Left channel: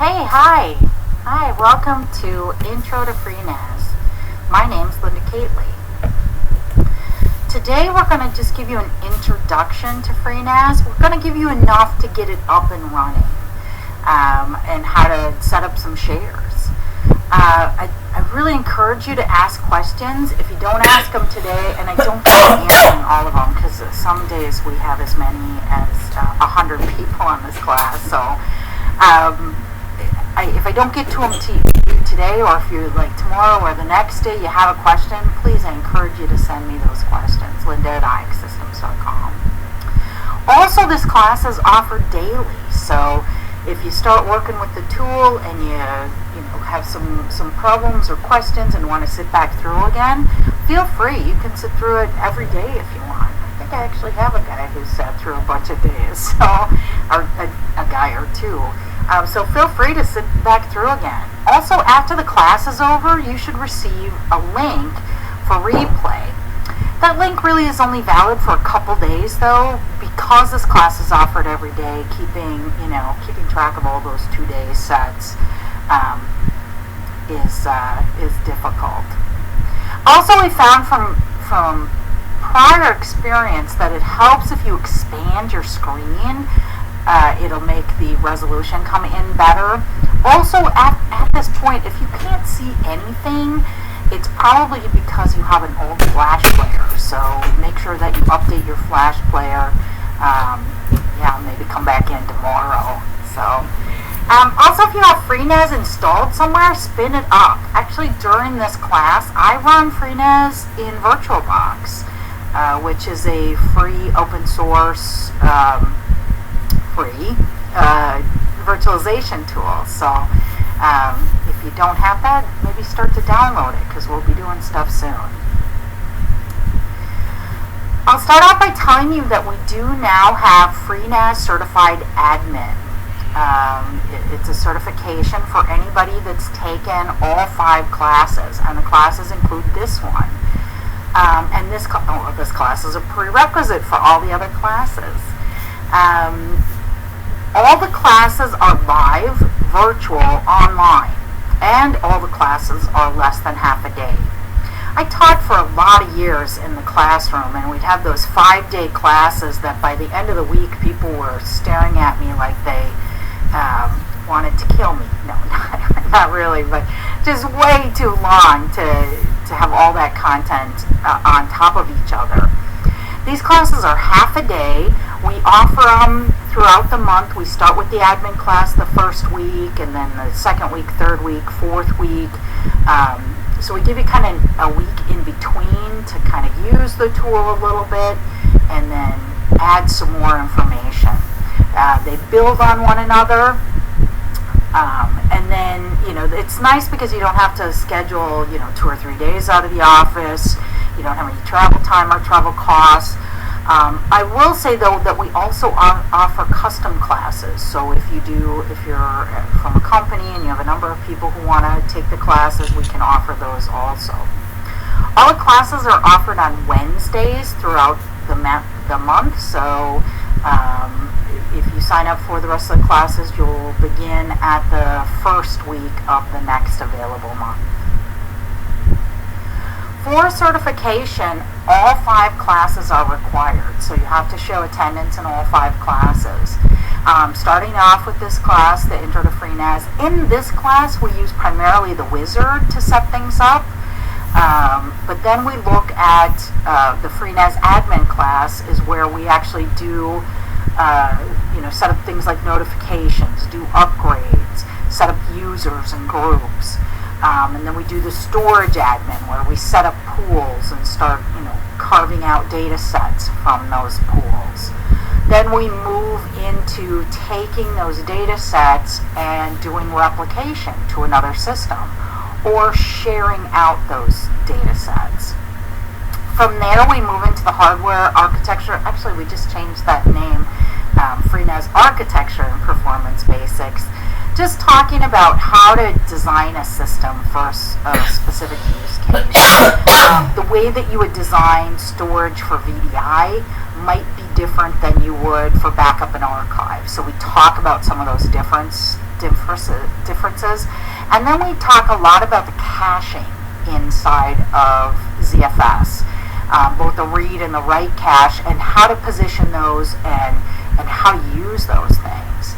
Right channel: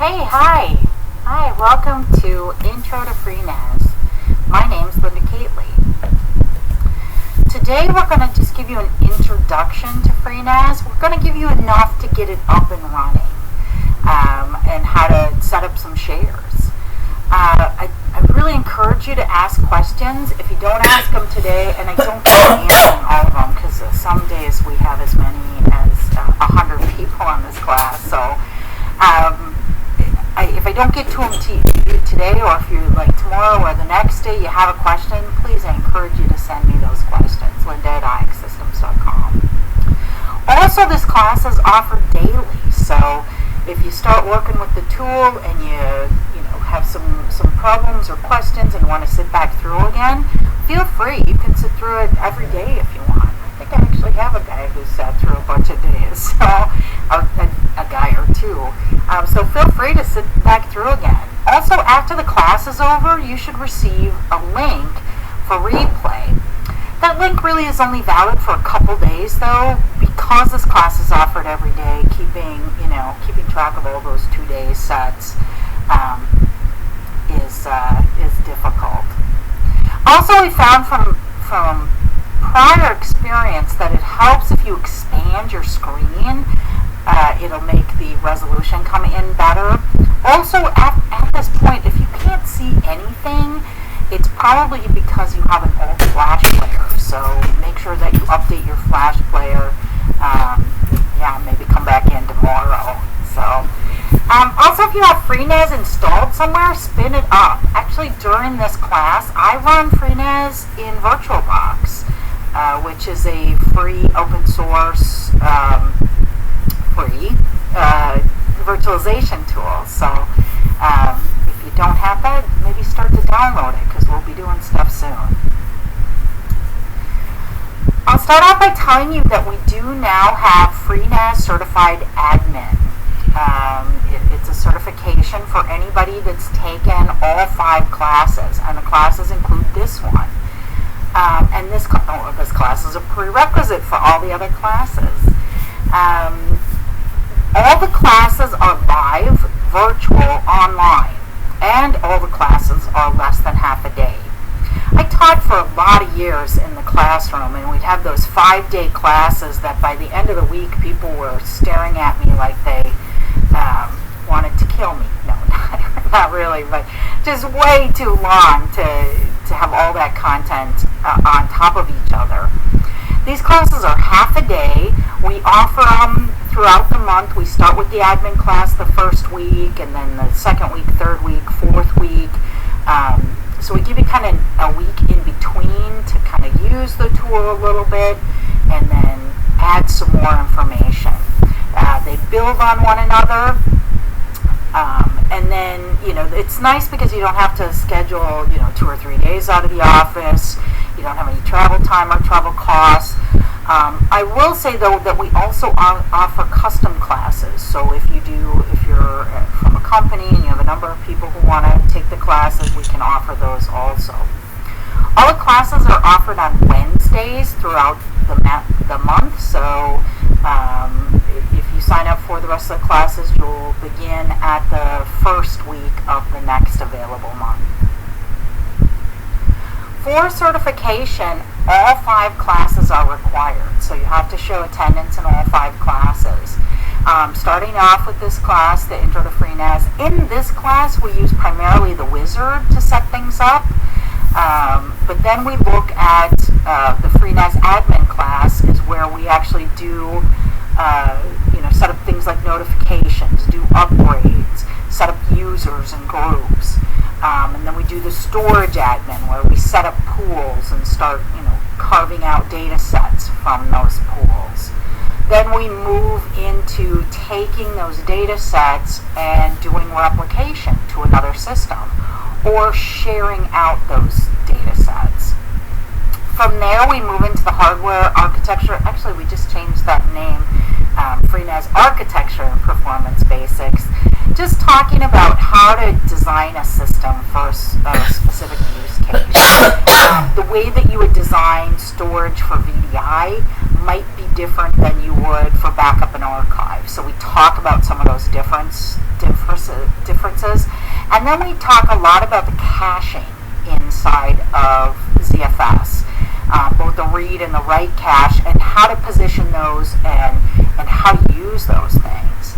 Hey, hi, welcome to Intro to FreeNAS. My name's Linda Kateley. Today we're going to just give you an introduction to FreeNAS. We're going to give you enough to get it up and running and how to set up some shares. I really encourage you to ask questions. If you don't ask them today, and I don't plan answering all of them because some days we have as many as 100 people on this class, so if I don't get to them to you today, or if you like tomorrow or the next day you have a question, please, I encourage you to send me those questions, linda@ixsystems.com. Also, this class is offered daily, so if you start working with the tool and you have some problems or questions and want to sit back through again, feel free. You can sit through it every day if you want. I think I actually have a guy who sat through a bunch of days, so, or a guy or two. So feel free to sit back through again. Also, after the class is over, you should receive a link for replay. That link really is only valid for a couple days, though, because this class is offered every day. Keeping track of all those 2-day sets is difficult. Also, we found from prior experience that it helps if you expand your screen. It'll make the resolution come in better. Also, at this point, if you can't see anything, it's probably because you have an old Flash player. So make sure that you update your Flash player. Maybe come back in tomorrow. So, also, if you have FreeNAS installed somewhere, spin it up. Actually, during this class, I run FreeNAS in VirtualBox, which is a free open source virtualization tool. So if you don't have that, maybe start to download it, because we'll be doing stuff soon. I'll start off by telling you that we do now have FreeNAS Certified Admin. It's a certification for anybody that's taken all 5 classes, and the classes include this one. And this class is a prerequisite for all the other classes. All the classes are live, virtual, online, and all the classes are less than half a day. I taught for a lot of years in the classroom, and we'd have those 5-day classes that by the end of the week people were staring at me like they wanted to kill me. No, not really, but just way too long to have all that content on top of each other. These classes are half a day. We offer them throughout the month. We start with the admin class the first week, and then the second week, third week, fourth week. So we give you kind of a week in between to kind of use the tool a little bit, and then add some more information. They build on one another. And then, it's nice because you don't have to schedule, 2 or 3 days out of the office. You don't have any travel time or travel costs. I will say, though, that we also offer custom classes. So if you're from a company and you have a number of people who want to take the classes, we can offer those also. All the classes are offered on Wednesdays throughout the month. So if you sign up for the rest of the classes, you'll begin at the first week of the next available month. For certification, all 5 classes are required, so you have to show attendance in all 5 classes. Starting off with this class, the Intro to FreeNAS, in this class we use primarily the wizard to set things up, but then we look at the FreeNAS admin class is where we actually do set up things like notifications, do upgrades, set up users and groups. And then we do the storage admin, where we set up pools and start, carving out data sets from those pools. Then we move into taking those data sets and doing replication to another system, or sharing out those data sets. From there, we move into the hardware architecture. Actually, we just changed that name, FreeNAS Architecture and Performance Basics. Just talking about how to design a system for a specific use case. The way that you would design storage for VDI might be different than you would for backup and archive. So we talk about some of those differences differences. And then we talk a lot about the caching inside of ZFS, both the read and the write cache, and how to position those and how to use those things.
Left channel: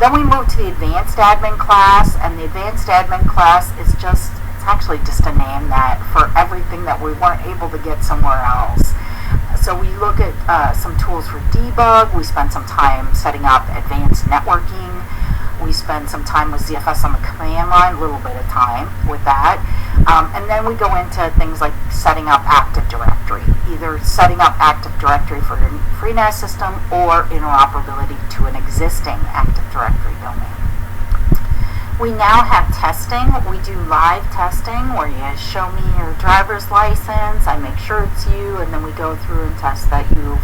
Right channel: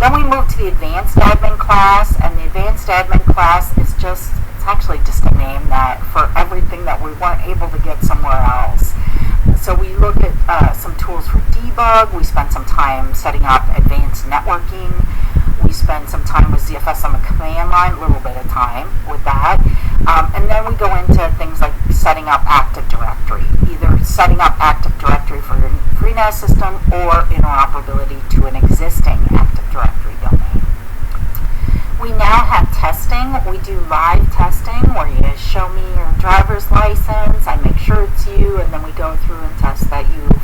Then we move to the advanced admin class, and the advanced admin class is it's actually just a name that for everything that we weren't able to get somewhere else. So we look at some tools for debug. We spend some time setting up advanced networking. We spend some time with ZFS on the command line, a little bit of time with that. And then we go into things like setting up Active Directory, either setting up Active Directory for your FreeNAS system or interoperability to an existing Active Directory domain. We now have testing. We do live testing where you show me your driver's license, I make sure it's you, and then we go through and test that you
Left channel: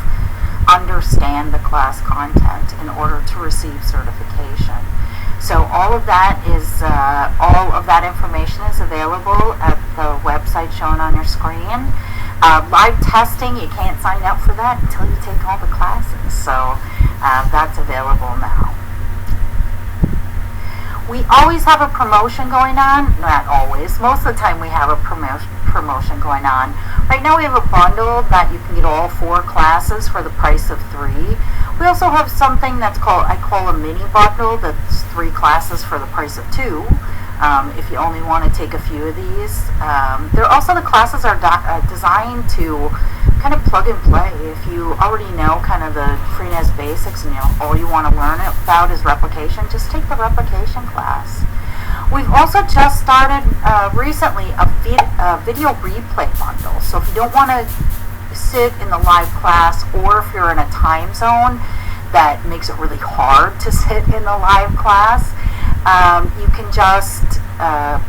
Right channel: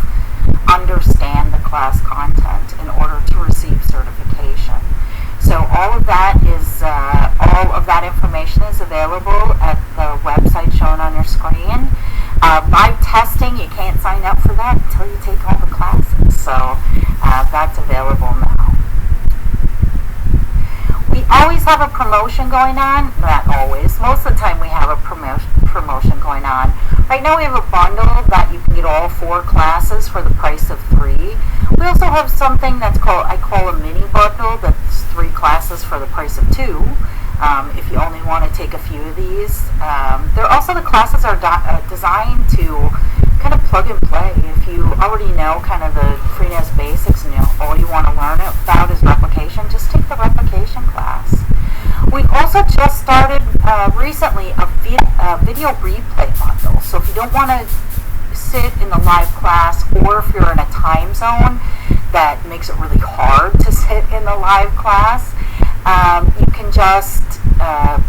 understand the class content in order to receive certification. So all of that information is available at the website shown on your screen. Live testing, you can't sign up for that until you take all the classes. So that's available now. We always have a promotion going on. Not always. Most of the time we have a promotion going on. Right now we have a bundle that you can get all 4 classes for the price of 3. We also have something I call a mini bundle that's 3 classes for the price of 2. If you only want to take a few of these. The classes are designed to kind of plug and play. If you already know kind of the FreeNAS basics and all you want to learn about is replication, just take the replication class. We've also just started recently a video replay bundle. So if you don't want to sit in the live class, or if you're in a time zone that makes it really hard to sit in the live class, you can just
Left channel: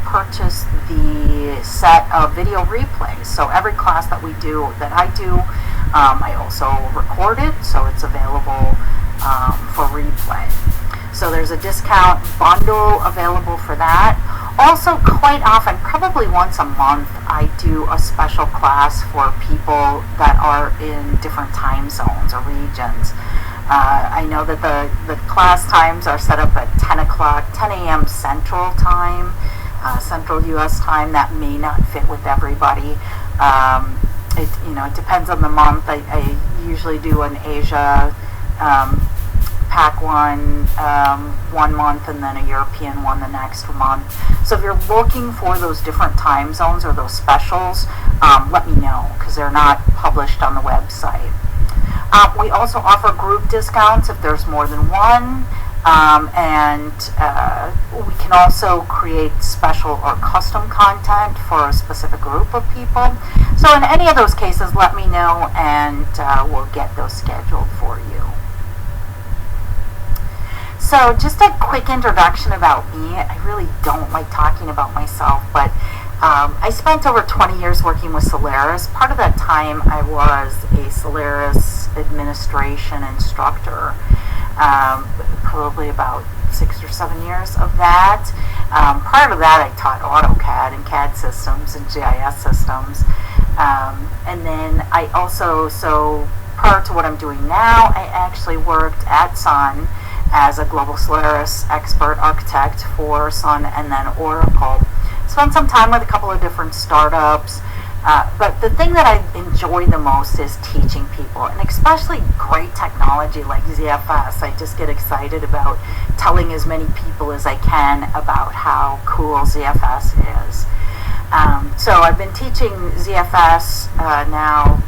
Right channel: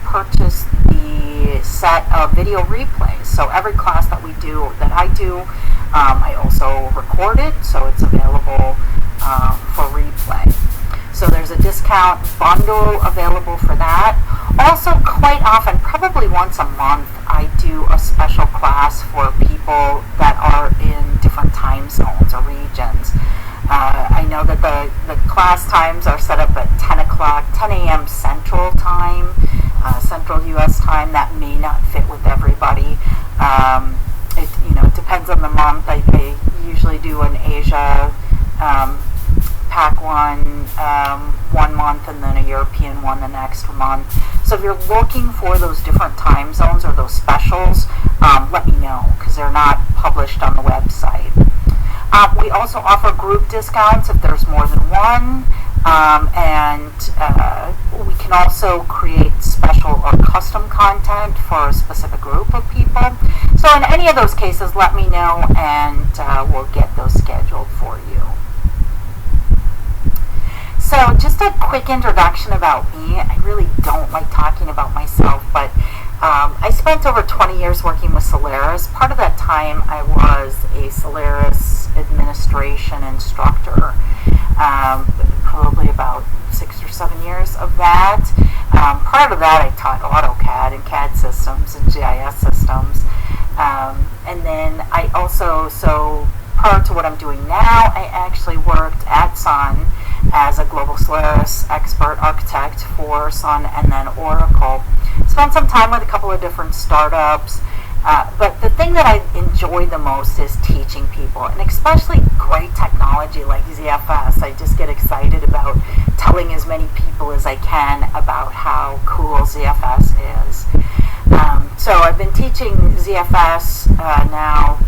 purchase the set of video replays. So every class that I do, I also record it, so it's available for replay. So there's a discount bundle available for that. Also, quite often, probably once a month, I do a special class for people that are in different time zones or regions. I know that the class times are set up at 10 a.m. Central Time, Central U.S. time. That may not fit with everybody. It depends on the month. I usually do an Asia PAC one month, and then a European one the next month. So if you're looking for those different time zones or those specials, let me know, because they're not published on the website. We also offer group discounts if there's more than one, and we can also create special or custom content for a specific group of people. So in any of those cases, let me know, and we'll get those scheduled for you. So just a quick introduction about me. I really don't like talking about myself, but I spent over 20 years working with Solaris. Part of that time I was a Solaris administration instructor, probably about 6 or 7 years of that. Prior to that, I taught AutoCAD and CAD systems and GIS systems. And then I also, prior to what I'm doing now, I actually worked at Sun as a global Solaris expert architect for Sun and then Oracle. Spent some time with a couple of different startups, but the thing that I enjoy the most is teaching people, and especially great technology like ZFS. I just get excited about telling as many people as I can about how cool ZFS is. So I've been teaching ZFS now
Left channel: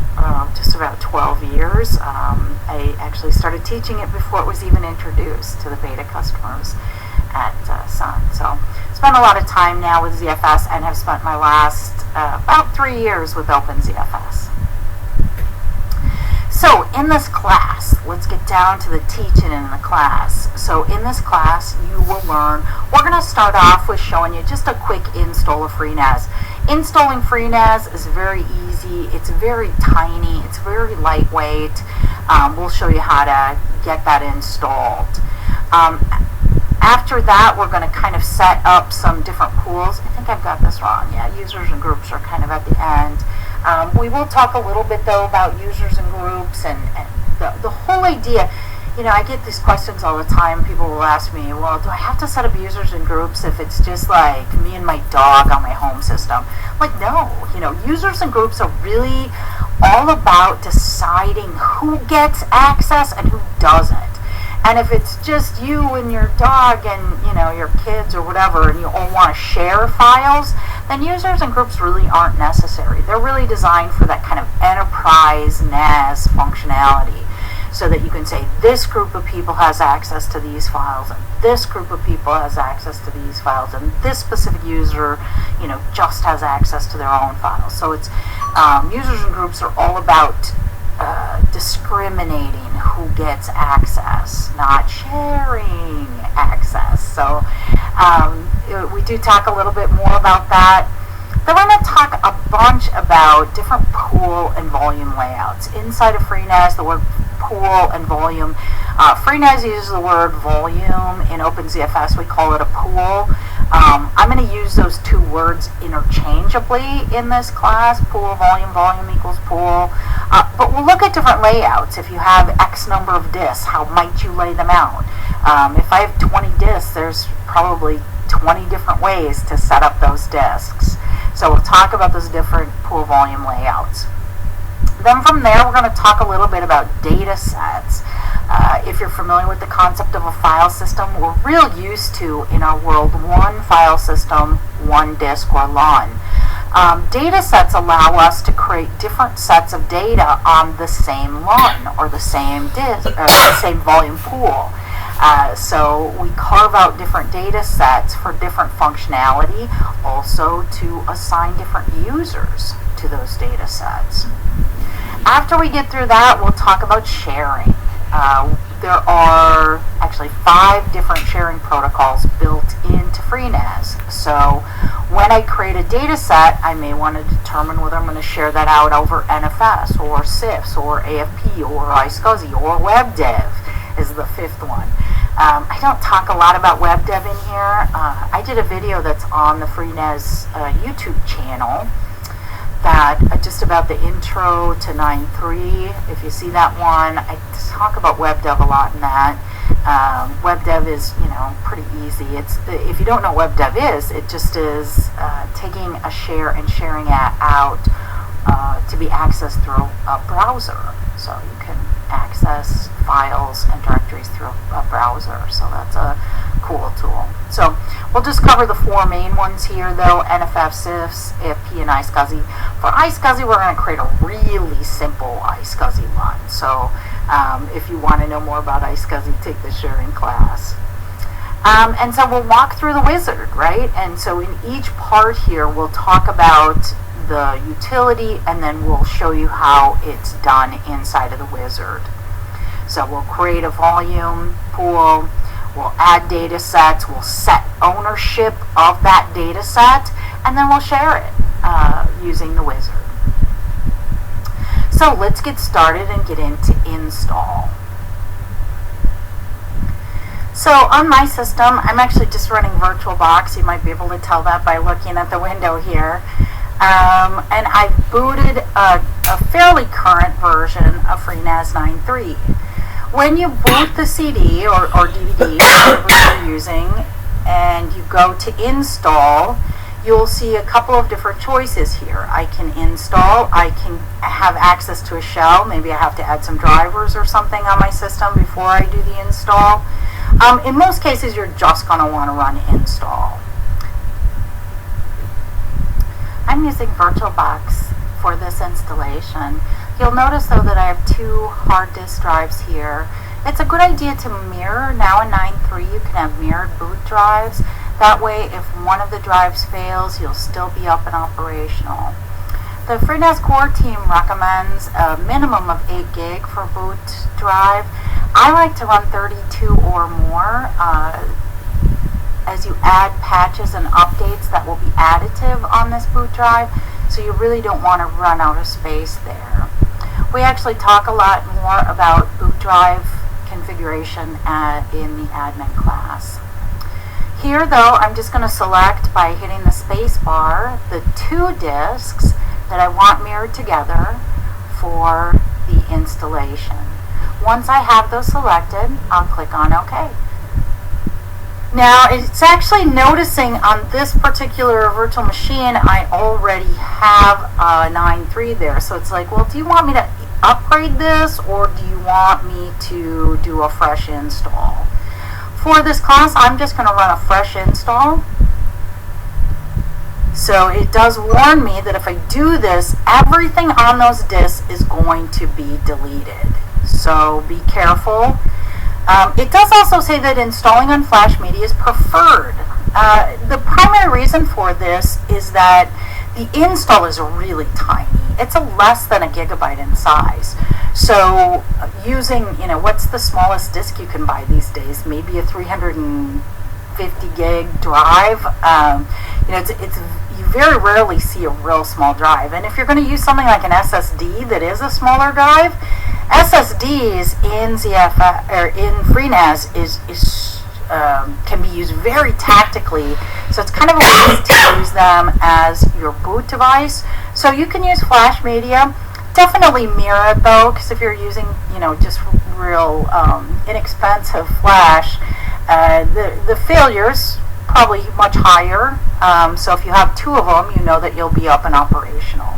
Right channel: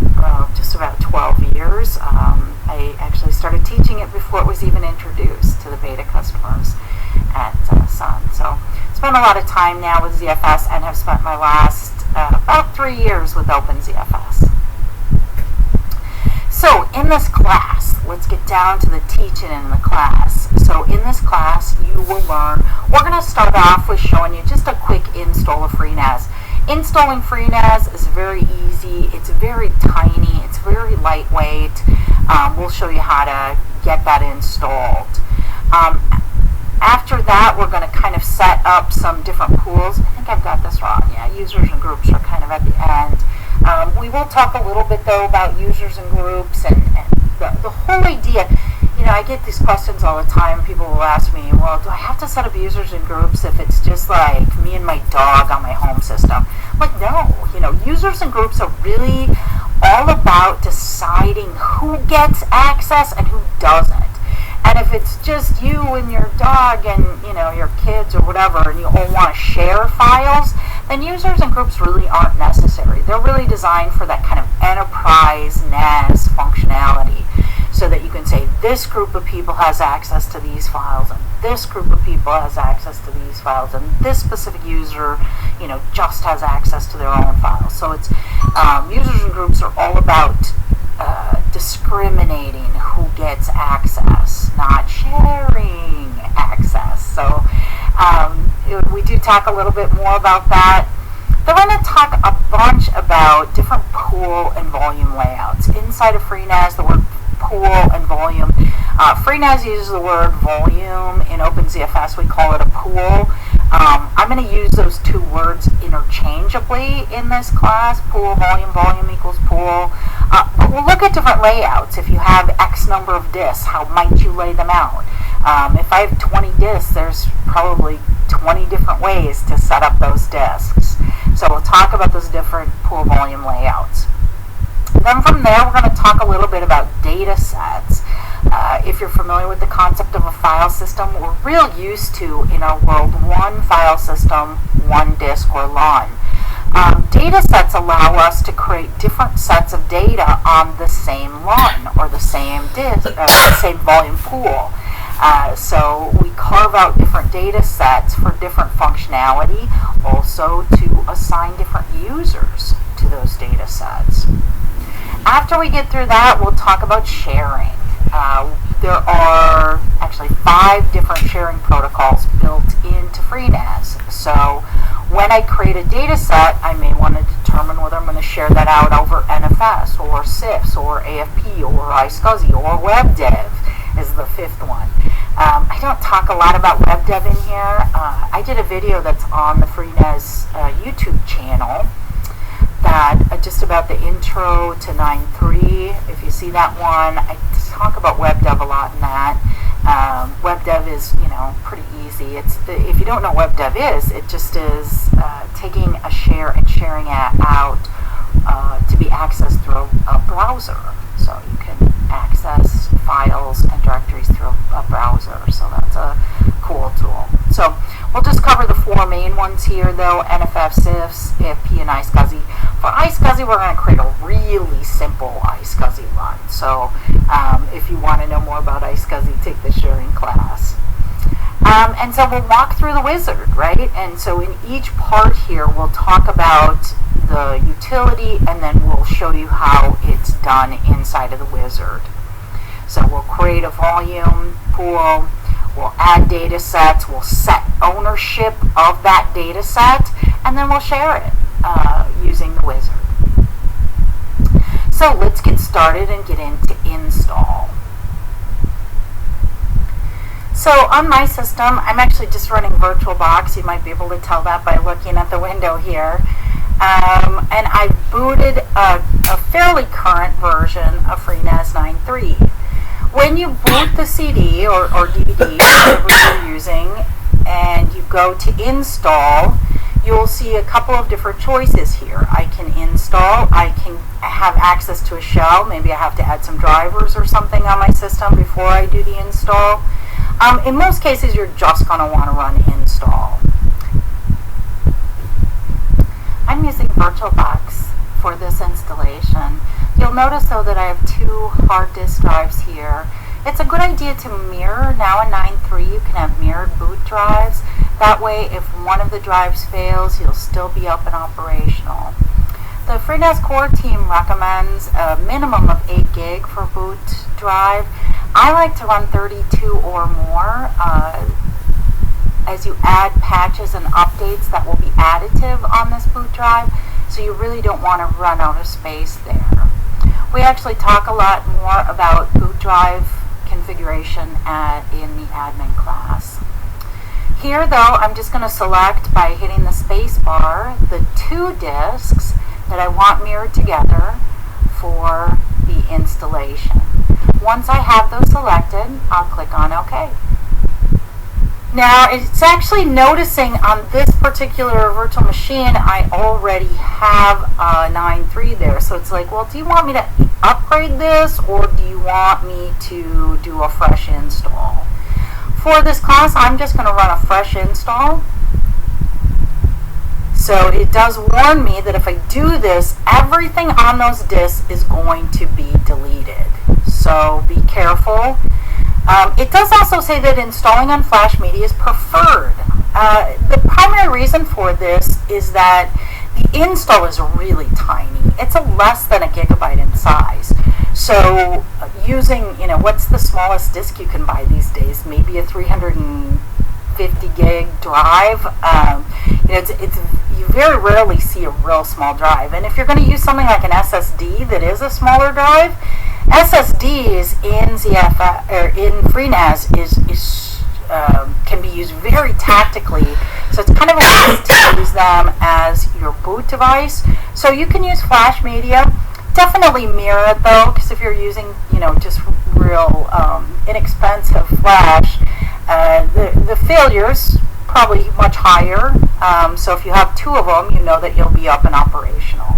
just about 12 years. I actually started teaching it before it was even introduced to the beta customers at Sun. So spent a lot of time now with ZFS, and have spent my last about 3 years with OpenZFS. So in this class, let's get down to the teaching in the class. So in this class, you will learn, we're going to start off with showing you just a quick install of FreeNAS. Installing FreeNAS is very easy. It's very tiny. It's very lightweight. We'll show you how to get that installed. After that, we're going to kind of set up some different pools. I think I've got this wrong. Yeah, users and groups are kind of at the end. We will talk a little bit, though, about users and groups, and the whole idea I get these questions all the time. People will ask me, well, do I have to set up users and groups if it's just like me and my dog on my home system? Like, no. Users and groups are really all about deciding who gets access and who doesn't. And if it's just you and your dog and, your kids or whatever, and you all want to share files, then users and groups really aren't necessary. They're really designed for that kind of enterprise NAS functionality, so that you can say this group of people has access to these files, and this group of people has access to these files, and this specific user, just has access to their own files. So it's users and groups are all about discriminating who gets access, not sharing access. So we do talk a little bit more about that. Then we're going to talk a bunch about different pool and volume layouts. Inside of FreeNAS, the word pool and volume. FreeNAS uses the word volume. In OpenZFS, we call it a pool. I'm going to use those two words interchangeably in this class. Pool, volume equals pool. But we'll look at different layouts. If you have X number of disks, how might you lay them out? If I have 20 disks, there's probably 20 different ways to set up those disks. So we'll talk about those different pool volume layouts. Then from there, we're going to talk a little bit about data sets. If you're familiar with the concept of a file system, we're real used to, in our world, one file system, one disk or LUN. Data sets allow us to create different sets of data on the same LUN or the same disk, the same volume pool. So we carve out different data sets for different functionality, also to assign different users to those data sets. After we get through that, we'll talk about sharing. There are actually 5 different sharing protocols built into FreeNAS. So when I create a data set, I may want to determine whether I'm going to share that out over NFS or CIFS or AFP or iSCSI or WebDev is the 5th one. I don't talk a lot about WebDev in here. I did a video that's on the FreeNAS YouTube channel just about the intro to 9.3. If you see that one, I talk about WebDev a lot in that. WebDev is, pretty easy. If you don't know what WebDev is, it just is taking a share and sharing it out to be accessed through a browser. So you can access files and directories through a browser. So that's a cool tool. So we'll just cover the 4 main ones here, though: NFF, CIFS, AFP, and iSCSI. For iSCSI, we're going to create a really simple iSCSI LUN. So if you want to know more about iSCSI, take the sharing class. And so we'll walk through the wizard, right? And so in each part here, we'll talk about the utility, and then we'll show you how it's done inside of the wizard. So we'll create a volume pool, we'll add data sets, we'll set ownership of that data set, and then we'll share it using the wizard. So let's get started and get into install. So on my system, I'm actually just running VirtualBox. You might be able to tell that by looking at the window here. And I've booted a fairly current version of FreeNAS 9.3. When you boot the CD or DVD, whatever you're using, and you go to install, you'll see a couple of different choices here. I can install, I can have access to a shell, maybe I have to add some drivers or something on my system before I do the install. In most cases, you're just going to want to run install. I'm using VirtualBox for this installation. You'll notice, though, that I have 2 hard disk drives here. It's a good idea to mirror. Now in 9.3, you can have mirrored boot drives. That way, if one of the drives fails, you'll still be up and operational. The FreeNAS core team recommends a minimum of 8 gig for boot drive. I like to run 32 or more. As you add patches and updates, that will be additive on this boot drive, so you really don't want to run out of space there. We actually talk a lot more about boot drive configuration in the admin class. Here, though, I'm just going to select, by hitting the space bar, the 2 disks that I want mirrored together for the installation. Once I have those selected, I'll click on OK. Now, it's actually noticing on this particular virtual machine, I already have a 9.3 there. So it's like, well, do you want me to upgrade this, or do you want me to do a fresh install? For this class, I'm just going to run a fresh install. So it does warn me that if I do this, everything on those disks is going to be deleted. So be careful. It does also say that installing on flash media is preferred. The primary reason for this is that the install is really tiny. It's less than a gigabyte in size. So using, what's the smallest disk you can buy these days? Maybe a 350 gig drive. You very rarely see a real small drive. And if you're going to use something like an SSD that is a smaller drive, SSDs in ZFS or in FreeNAS can be used very tactically, so it's kind of a waste to use them as your boot device. So you can use flash media. Definitely mirror it though, because if you're using just real inexpensive flash, the failure's probably much higher. So if you have two of them, you know that you'll be up and operational.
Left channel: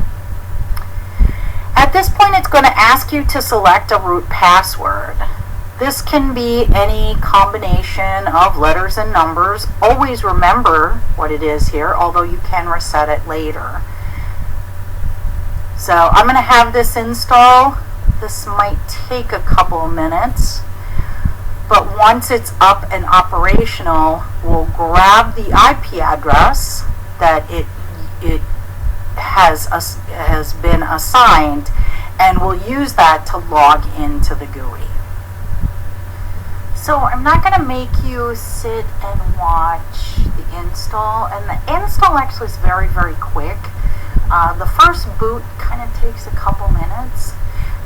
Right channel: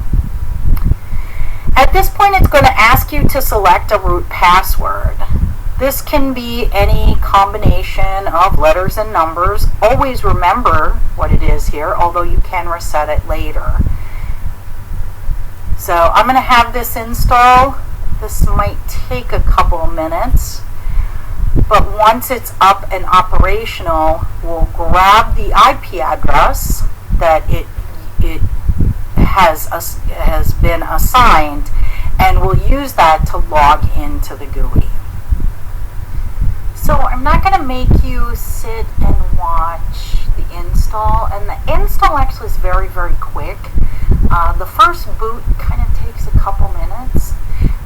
At this point, it's going to ask you to select a root password. This can be any combination of letters and numbers. Always remember what it is here, although you can reset it later. So I'm going to have this install. This might take a couple of minutes, but once it's up and operational, we'll grab the IP address that it has been assigned, and we'll use that to log into the GUI. So I'm not going to make you sit and watch the install, and the install actually is very, very quick. The first boot kind of takes a couple minutes,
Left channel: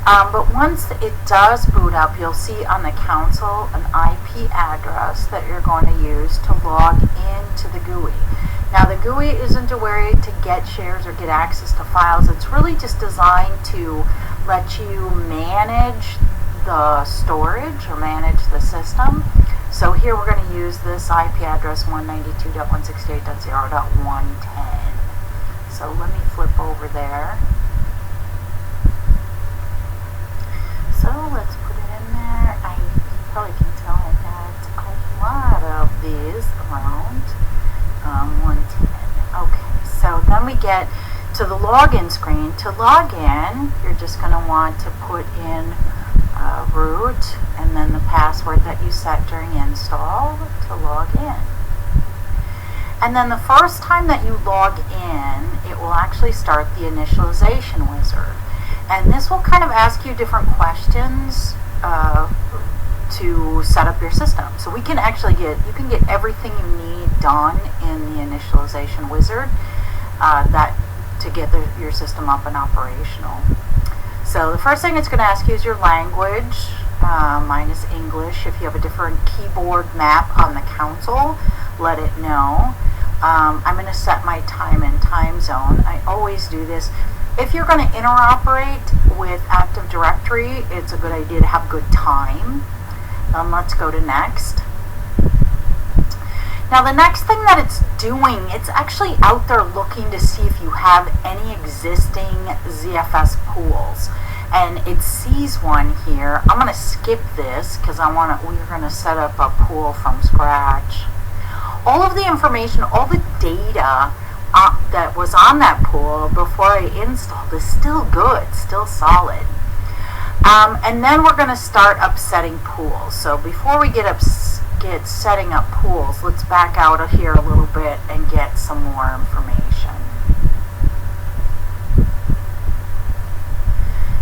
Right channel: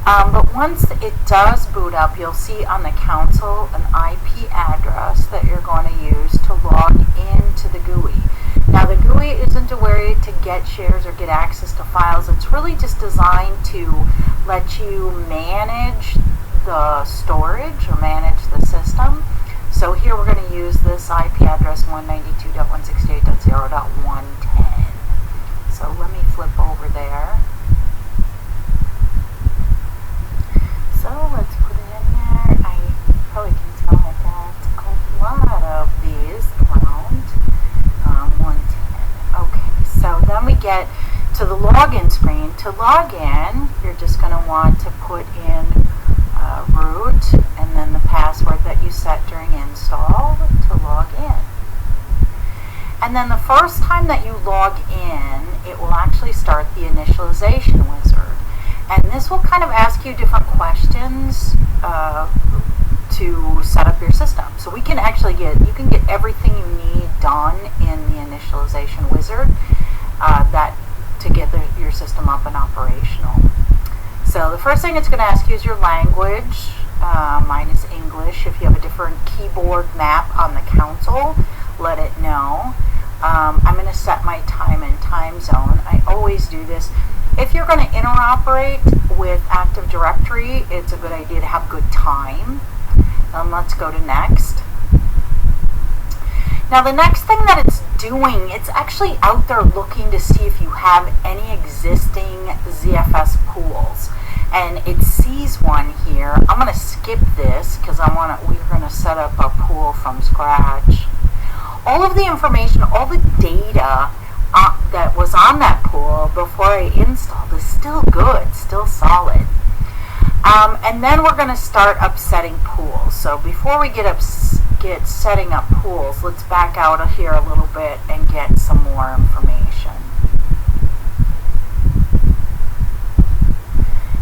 but once it does boot up, you'll see on the console an IP address that you're going to use to log into the GUI. Now, the GUI isn't a way to get shares or get access to files. It's really just designed to let you manage the storage or manage the system. So here we're going to use this IP address 192.168.0.110. So let me flip over there. So let's put it in there. You probably can tell I got a lot of these around. 110. Okay, so then we get to the login screen. To log in, you're just going to want to put in root and then the password that you set during install to log in. And then the first time that you log in, it will actually start the initialization wizard. And this will kind of ask you different questions to set up your system. So you can get everything you need done in the initialization wizard to get your system up and operational. So the first thing it's going to ask you is your language. Mine is English. If you have a different keyboard map on the console, let it know. I'm going to set my time and time zone. I always do this. If you're going to interoperate with Active Directory, it's a good idea to have good time. Let's go to next. Now the next thing that it's doing, it's actually out there looking to see if you have any existing ZFS pools. And it sees one here. I'm going to skip this because we're going to set up a pool from scratch. All of the information, all the data that was on that pool before I installed is still good, still solid. And then we're going to start upsetting pools. So before we get setting up pools, let's back out of here a little bit and get some more information.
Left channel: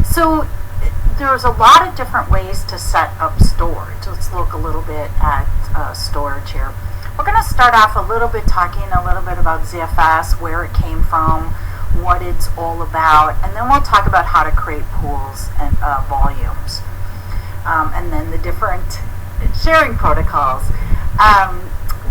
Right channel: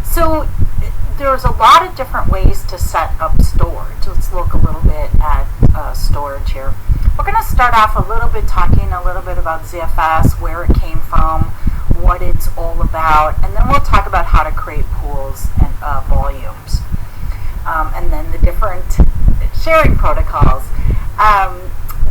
So there's a lot of different ways to set up storage. Let's look a little bit at storage here. We're going to start off a little bit talking a little bit about ZFS, where it came from, what it's all about, and then we'll talk about how to create pools and volumes, and then the different sharing protocols.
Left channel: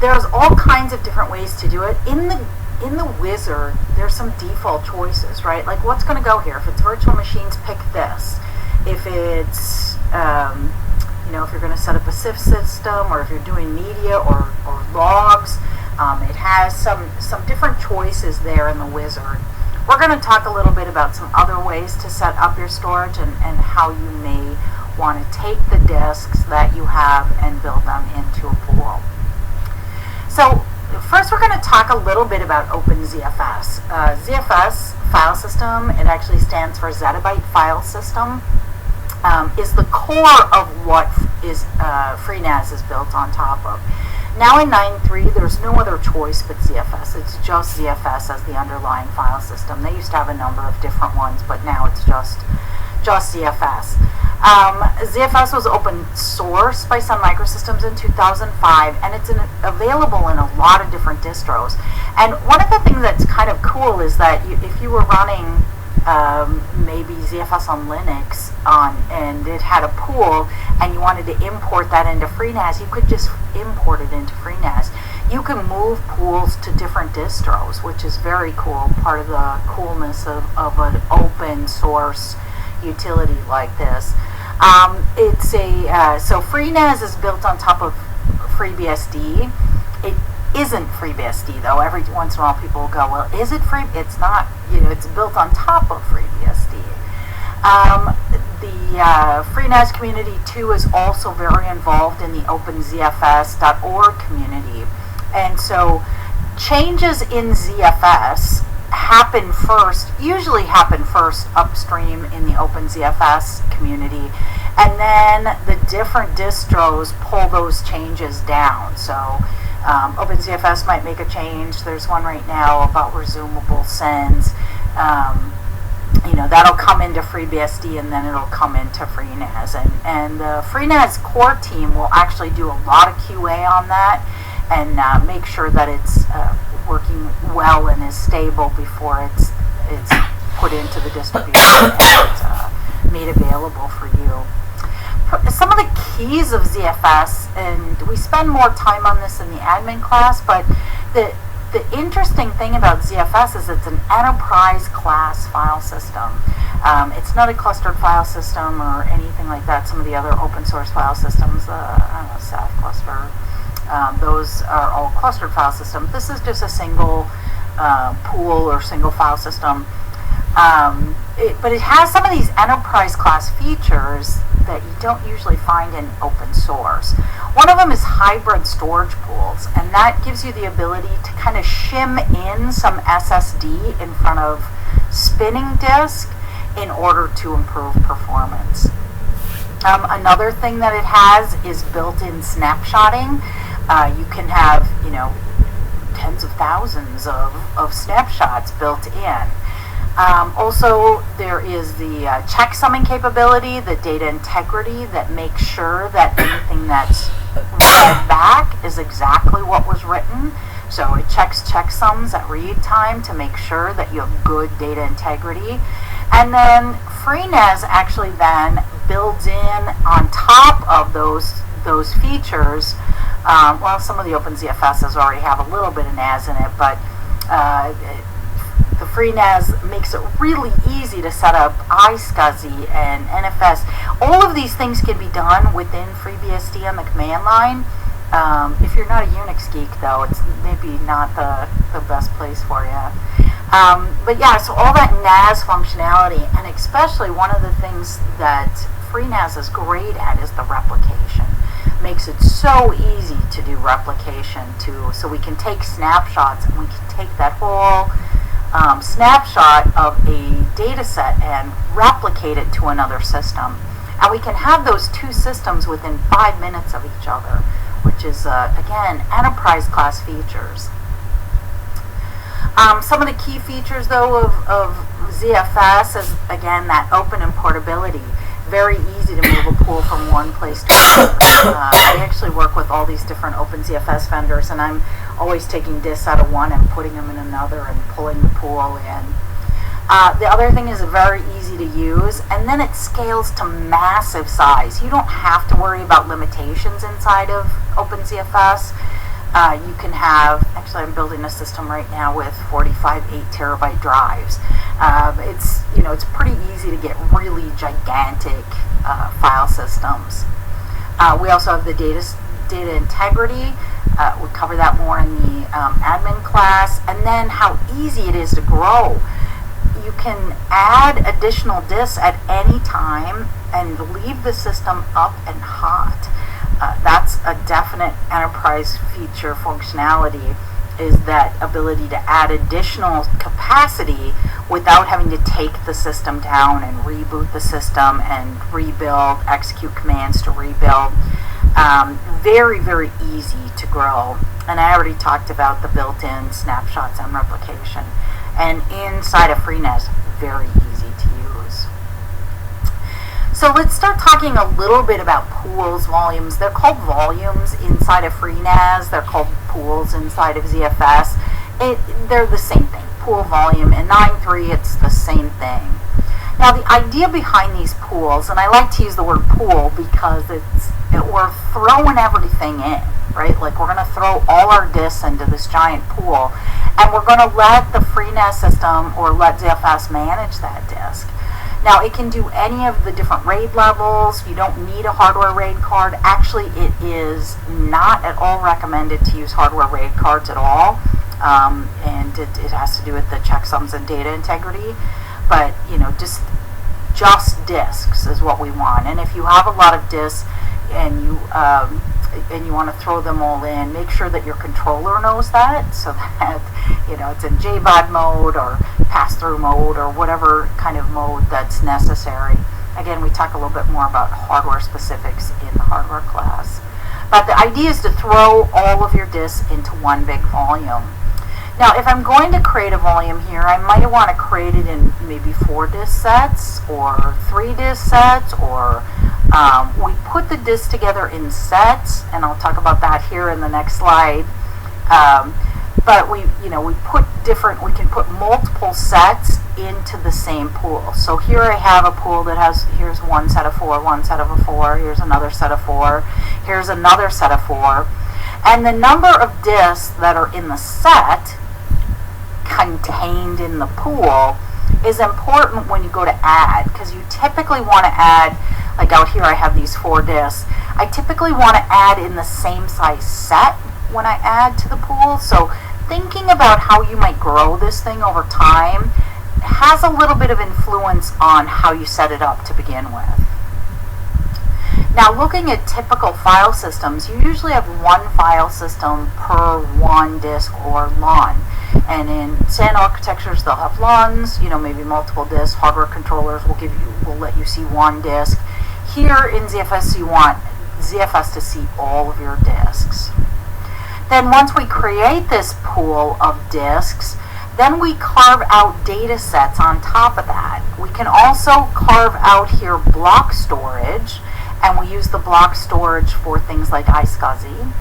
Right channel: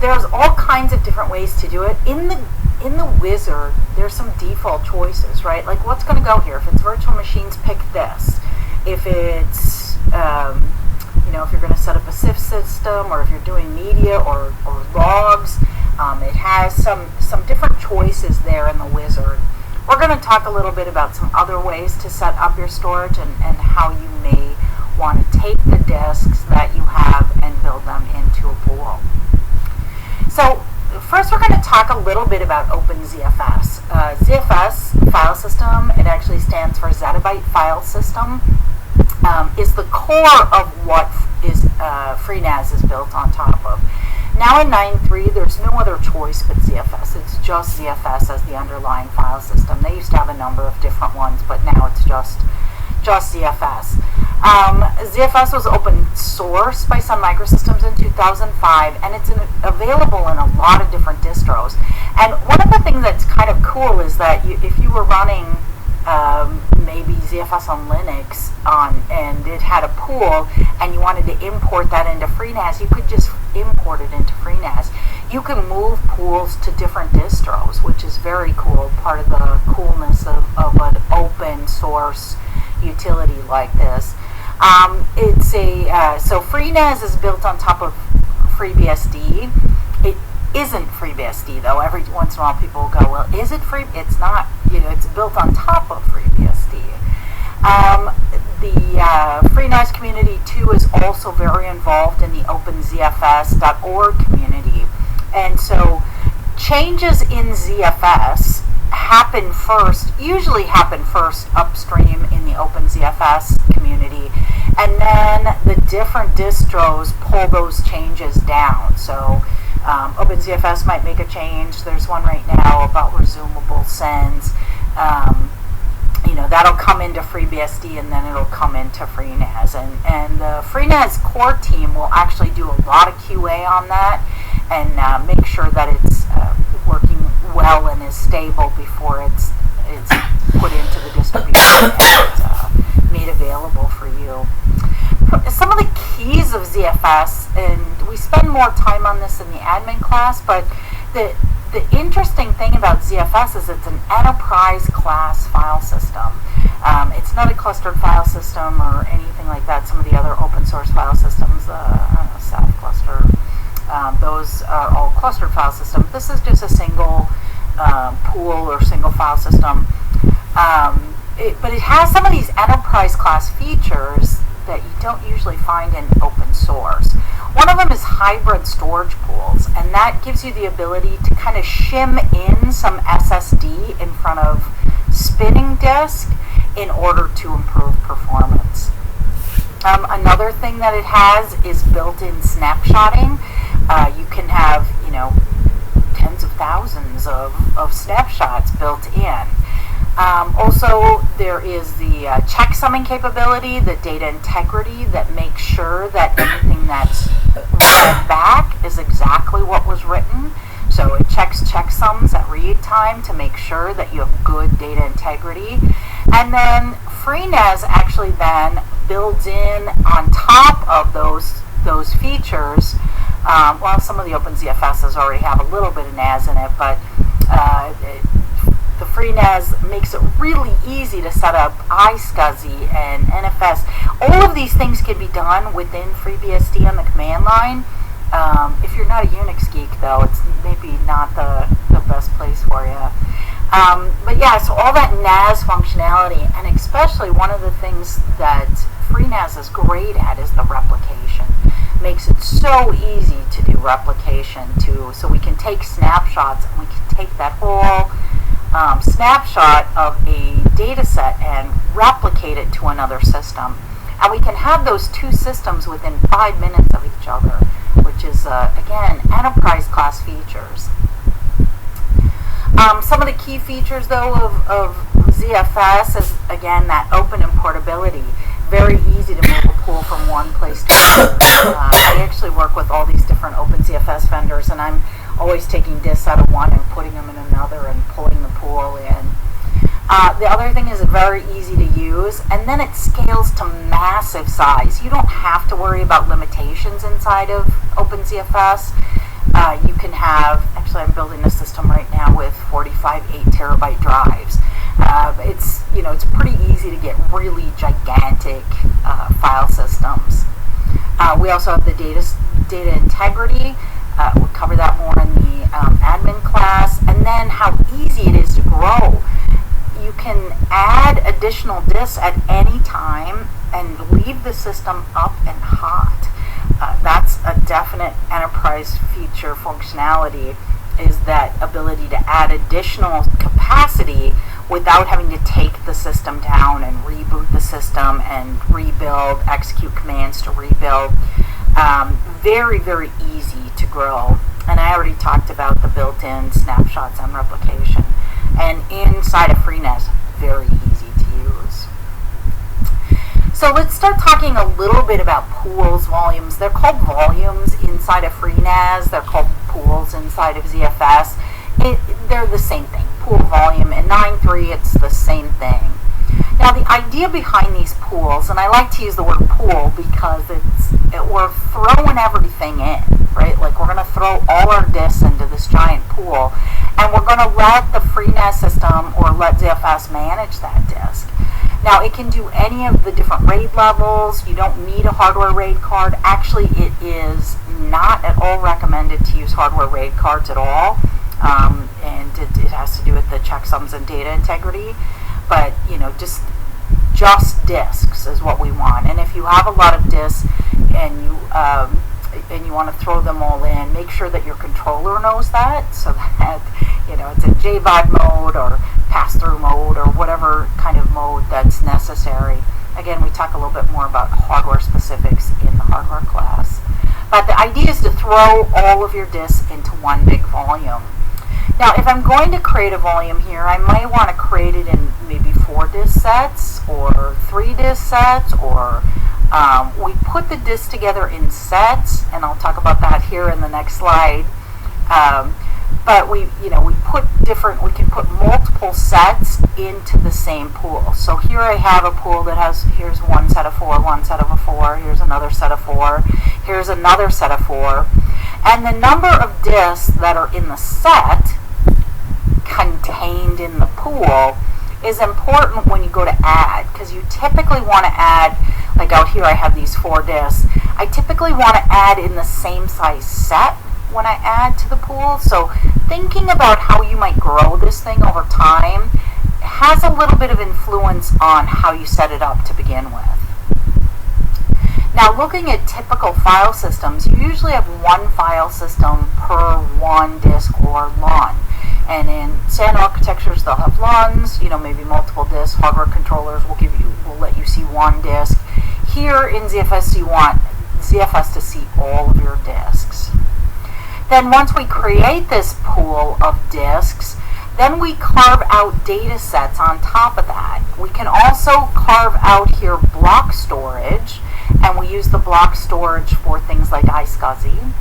There's all kinds of different ways to do it. In the wizard, there's some default choices, right? Like what's going to go here. If it's virtual machines, pick this. If it's if you're going to set up a SIF system, or if you're doing media or logs, it has some different choices there in the wizard. We're going to talk a little bit about some other ways to set up your storage and how you may want to take the disks that you have and build them into a pool. So first we're going to talk a little bit about OpenZFS. ZFS file system, it actually stands for Zettabyte File System, is the core of what FreeNAS is built on top of. Now in 9.3, there's no other choice but ZFS. It's just ZFS as the underlying file system. They used to have a number of different ones, but now it's just ZFS. ZFS was open source by Sun Microsystems in 2005, and it's available in a lot of different distros. And one of the things that's kind of cool is that if you were running maybe ZFS on Linux and it had a pool and you wanted to import that into FreeNAS, you could just import it into FreeNAS. You can move pools to different distros, which is very cool, part of the coolness of an open source utility like this. So FreeNAS is built on top of FreeBSD. It isn't FreeBSD though. Every once in a while people will go, well, is it free? It's not. It's built on top of FreeBSD. The FreeNAS community too is also very involved in the OpenZFS.org community, and so changes in ZFS usually happen first upstream in the OpenZFS community, and then the different distros pull those changes down. So OpenZFS might make a change. There's one right now about resumable sends. That'll come into FreeBSD and then it'll come into FreeNAS. And the FreeNAS core team will actually do a lot of QA on that and make sure that it's working well and is stable before it's put into the distribution and made available for you. Some of the keys of ZFS, and we spend more time on this in the admin class, but the interesting thing about ZFS is it's an enterprise class file system. It's not a clustered file system or anything like that. Some of the other open source file systems, SAF cluster, those are all clustered file systems. This is just a single pool or single file system. But it has some of these enterprise class features that you don't usually find in open source. One of them is hybrid storage pools, and that gives you the ability to kind of shim in some SSD in front of spinning disk in order to improve performance. Another thing that it has is built-in snapshotting. You can have, tens of thousands of snapshots built in. Also, there is the checksumming capability, the data integrity that makes sure that anything that's read back is exactly what was written. So it checks checksums at read time to make sure that you have good data integrity. And then FreeNAS actually then builds in on top of those features. Some of the OpenZFSs already have a little bit of NAS in it, but the FreeNAS makes it really easy to set up iSCSI and NFS. All of these things can be done within FreeBSD on the command line. If you're not a Unix geek, though, it's maybe not the best place for you. But yeah, so all that NAS functionality, and especially one of the things that FreeNAS is great at is the replication. Makes it so easy to do replication too, so we can take snapshots and we can take that whole snapshot of a data set and replicate it to another system. And we can have those two systems within 5 minutes of each other, which is, again, enterprise class features. Some of the key features, though, of ZFS is, again, that open and portability. Very easy to move a pool from one place to another. I actually work with all these different OpenZFS vendors, and I'm always taking disks out of one and putting them in another and pulling the pool in. The other thing is very easy to use, and then it scales to massive size. You don't have to worry about limitations inside of OpenZFS. You can have, actually I'm building a system right now with 45 8 terabyte drives. It's pretty easy to get really gigantic file systems. We also have the data integrity. We'll cover that more in the admin class. And then how easy it is to grow. You can add additional disks at any time and leave the system up and hot. That's a definite enterprise feature functionality, is that ability to add additional capacity without having to take the system down and reboot the system and rebuild, execute commands to rebuild. Very, very easy to grow. And I already talked about the built-in snapshots and replication. And inside of FreeNAS, very easy to use. So let's start talking a little bit about pools, volumes. They're called volumes inside of FreeNAS. They're called pools inside of ZFS. They're the same thing. Pool, volume. In 9.3, it's the same thing. Now, the idea behind these pools, and I like to use the word pool because we're throwing everything in, right? Like, we're going to throw all our disks into this giant pool, and we're going to let the FreeNAS system or let ZFS manage that disk. Now, it can do any of the different RAID levels. You don't need a hardware RAID card. Actually, it is not at all recommended to use hardware RAID cards at all, and it has to do with the checksums and data integrity. But, just disks is what we want. And if you have a lot of disks and you want to throw them all in, make sure that your controller knows that, so that it's in JBOD mode or pass-through mode or whatever kind of mode that's necessary. Again, we talk a little bit more about hardware specifics in the hardware class. But the idea is to throw all of your disks into one big volume. Now, if I'm going to create a volume here, I might want to create it in maybe 4 disk sets or 3 disk sets, or we put the disks together in sets, and I'll talk about that here in the next slide. But we can put multiple sets into the same pool. So here I have a pool that here's one set of 4, one set of 4, here's another set of 4, here's another set of 4. And the number of disks that are in the set contained in the pool is important when you go to add, because you typically want to add, like out here I have these 4 disks. I typically want to add in the same size set when I add to the pool. So thinking about how you might grow this thing over time has a little bit of influence on how you set it up to begin with. Now, looking at typical file systems, you usually have one file system per one disk or LUN. And in SAN architectures, they'll have LUNs, maybe multiple disks. Hardware controllers will let you see one disk. Here in ZFS, you want ZFS to see all of your disks. Then once we create this pool of disks, then we carve out data sets on top of that. We can also carve out here block storage, and we use the block storage for things like iSCSI.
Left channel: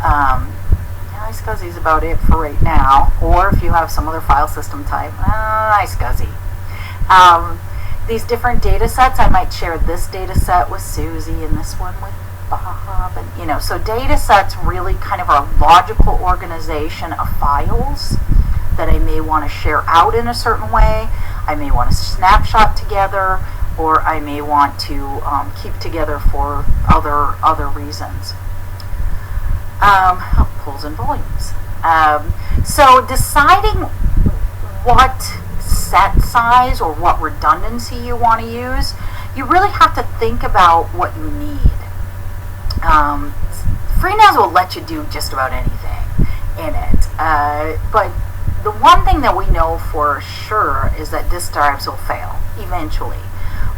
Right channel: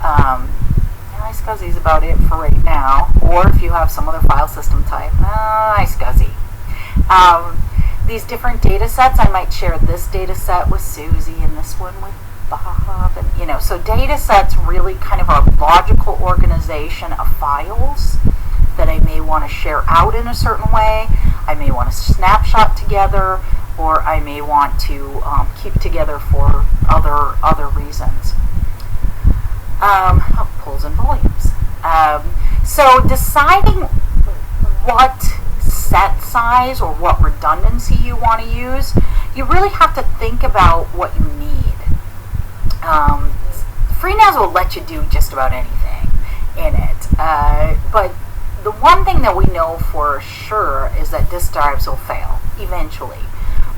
iSCSI is about it for right now, or if you have some other file system type, iSCSI. These different data sets, I might share this data set with Susie and this one with Bob, and so data sets really kind of are a logical organization of files that I may want to share out in a certain way. I may want to snapshot together, or I may want to keep together for other reasons. Pools and volumes. So deciding what set size or what redundancy you want to use, you really have to think about what you need. FreeNAS will let you do just about anything in it, but the one thing that we know for sure is that disk drives will fail eventually,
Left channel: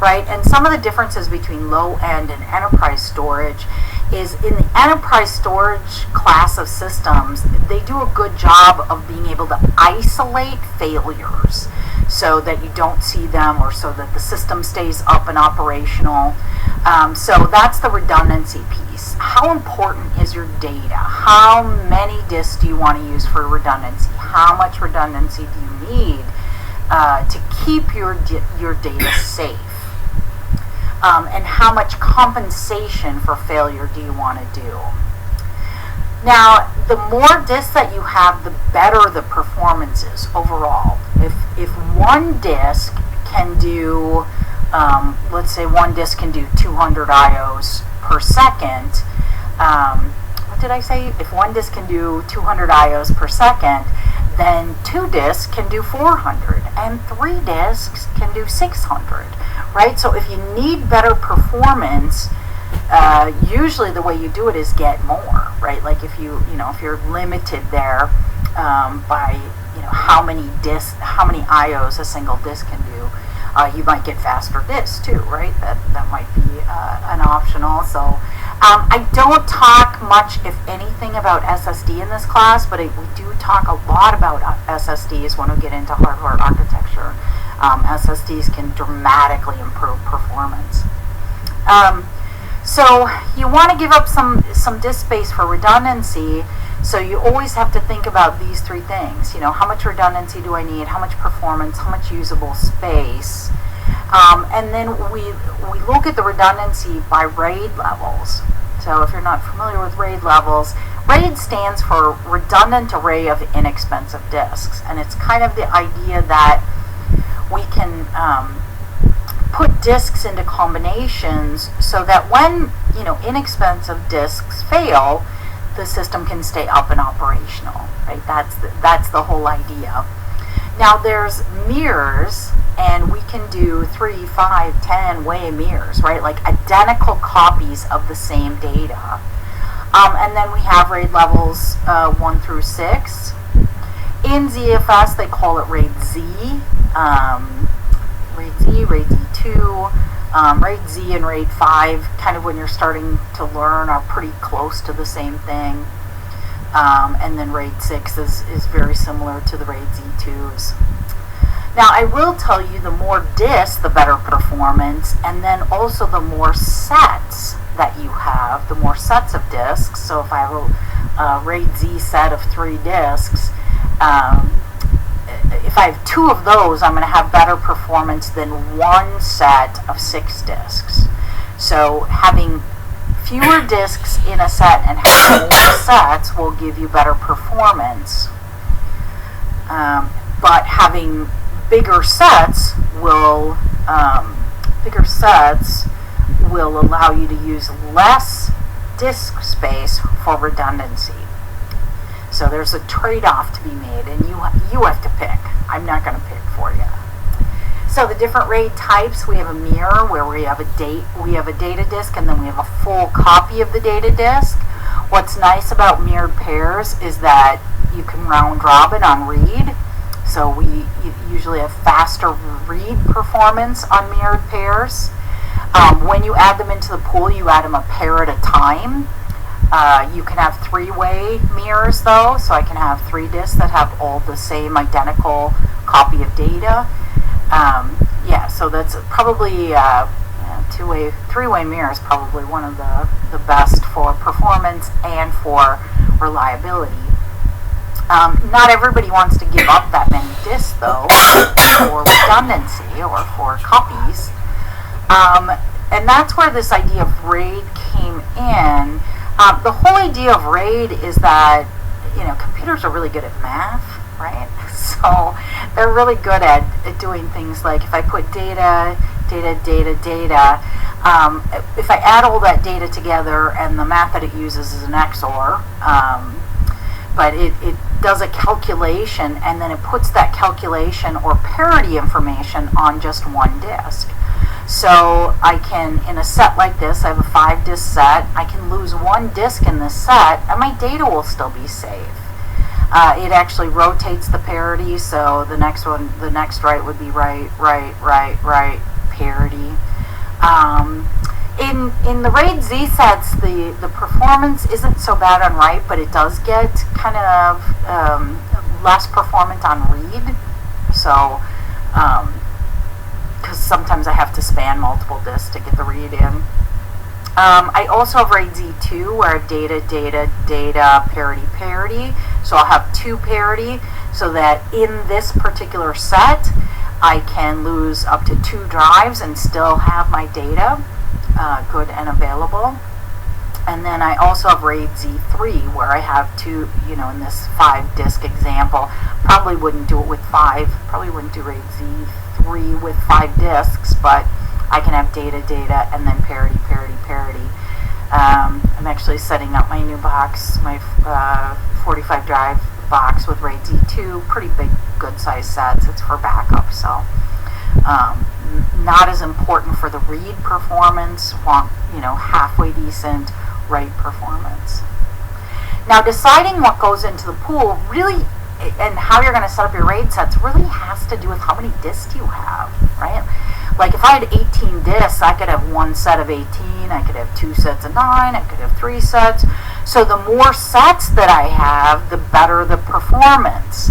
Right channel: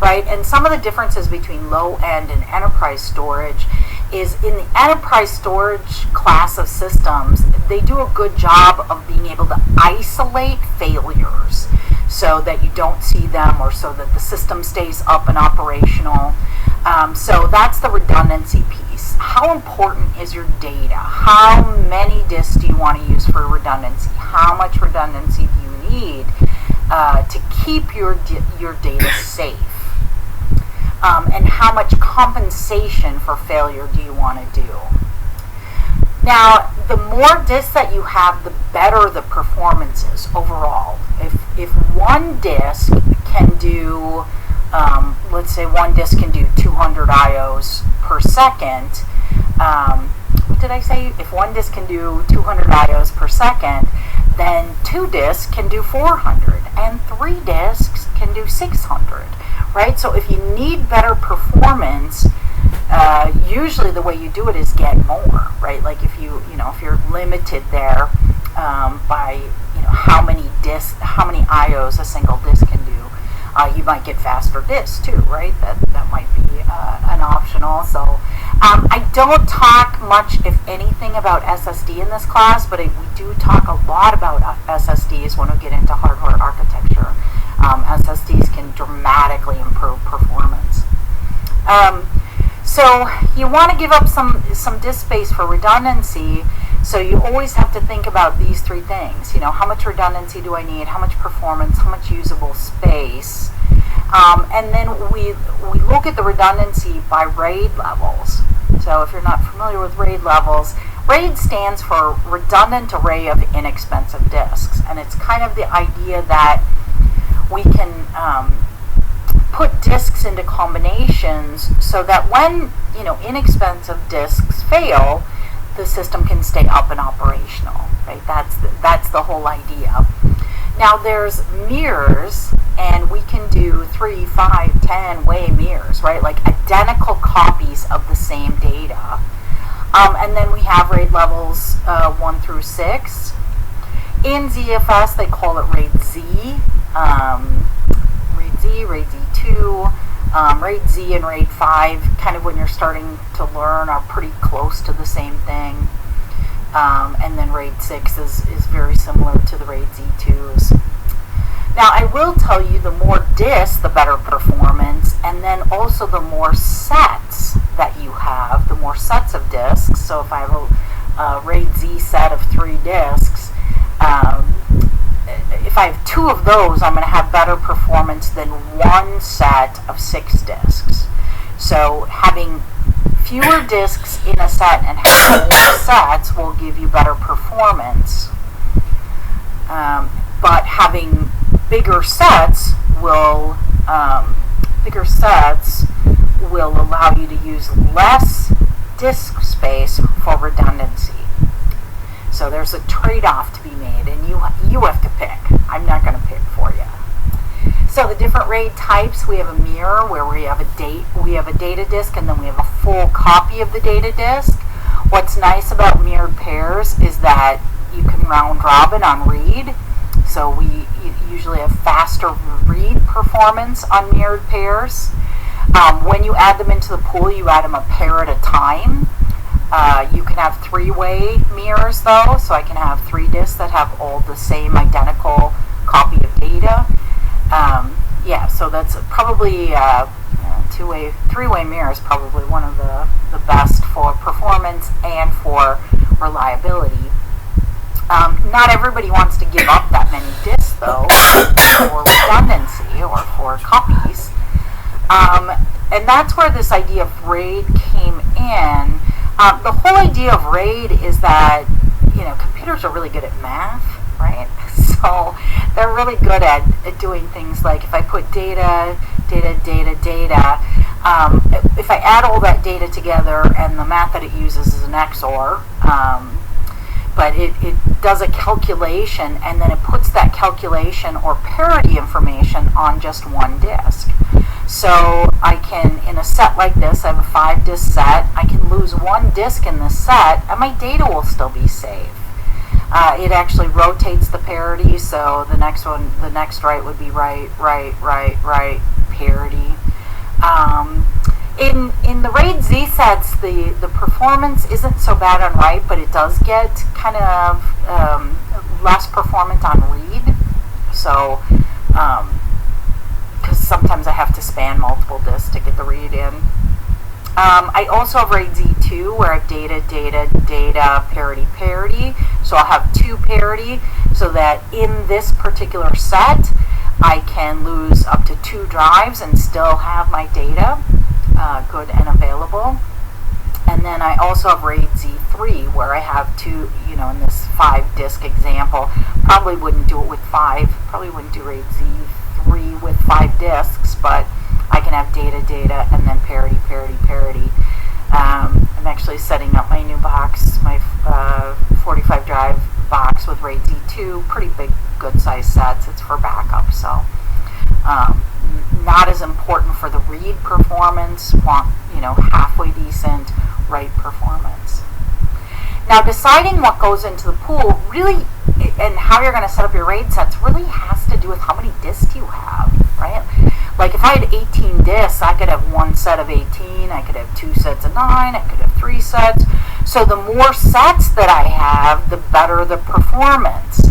right? And some of the differences between low-end and enterprise storage is in the enterprise storage class of systems, they do a good job of being able to isolate failures so that you don't see them, or so that the system stays up and operational. So that's the redundancy piece. How important is your data? How many disks do you want to use for redundancy? How much redundancy do you need to keep your data safe? And how much compensation for failure do you want to do? Now, the more disks that you have, the better the performance is overall. If one disk can do, let's say one disk can do 200 IOs per second, what did I say? If one disk can do 200 IOs per second, then 2 disks can do 400, and 3 disks can do 600, right? So if you need better performance, usually the way you do it is get more, right? Like if you're limited there by how many IOs a single disk can do, you might get faster disks too, right? That might be an option also. I don't talk much, if anything, about SSD in this class, but we do talk a lot about SSDs when we get into hardware architecture. SSDs can dramatically improve performance. So you want to give up some disk space for redundancy, so you always have to think about these 3 things. How much redundancy do I need? How much performance? How much usable space? And then we look at the redundancy by RAID levels. So if you're not familiar with RAID levels, RAID stands for Redundant Array of Inexpensive Disks, and it's kind of the idea that we can put disks into combinations so that when inexpensive disks fail, the system can stay up and operational, right? That's the whole idea. Now there's mirrors, and we can do 3, 5, 10 way mirrors, right? Like identical copies of the same data. And then we have RAID levels 1 through 6. In ZFS, they call it RAID Z. RAID Z, RAID Z2, RAID Z and RAID 5, kind of when you're starting to learn, are pretty close to the same thing. And then RAID 6 is very similar to the RAID Z2s. Now, I will tell you, the more disks, the better performance, and then also the more sets that you have, the more sets of disks. So if I have a RAID Z set of 3 disks, if I have 2 of those, I'm going to have better performance than 1 set of 6 disks. So having fewer disks in a set and having more sets will give you better performance. But having bigger sets will allow you to use less disk space for redundancy. So there's a trade-off to be made, and you have to pick. I'm not going to pick for you. So the different RAID types, we have a mirror where we have a data disk, and then we have a full copy of the data disk. What's nice about mirrored pairs is that you can round robin on read. So we usually have faster read performance on mirrored pairs. When you add them into the pool, you add them a pair at a time. You can have 3-way mirrors though, so I can have 3 disks that have all the same identical copy of data. Yeah, so that's probably 3-way mirror is probably one of the best for performance and for reliability. Not everybody wants to give up that many disks though for redundancy or for copies. And that's where this idea of RAID came in. The whole idea of RAID is that, computers are really good at math, right? So they're really good at doing things like if I put data, if I add all that data together, and the math that it uses is an XOR, but it does a calculation, and then it puts that calculation or parity information on just one disk. So I can, in a set like this, I have a 5-disk set, I can lose 1 disk in this set, and my data will still be safe. It actually rotates the parity, so the next write would be write, parity. In the RAID Z sets, the performance isn't so bad on write, but it does get kind of less performant on read. So, because sometimes I have to span multiple disks to get the read in. I also have RAID Z2 where I have data, parity. So I'll have 2 parity, so that in this particular set, I can lose up to 2 drives and still have my data good and available. And then I also have RAID Z3, where I have two, in this 5-disk example. Probably wouldn't do it with 5, probably wouldn't do RAID Z3 with 5 disks, but I can have data, and then parity. I'm actually setting up my new box, my 45 drive box with RAID Z2, pretty big, good size sets. It's for backup, so not as important for the read performance, want, halfway decent write performance. Now, deciding what goes into the pool really, and how you're going to set up your RAID sets, really has to do with how many disks you have, right? Like if I had 18 disks, I could have one set of 18, I could have 2 sets of 9, I could have 3 sets. So the more sets that I have, the better the performance.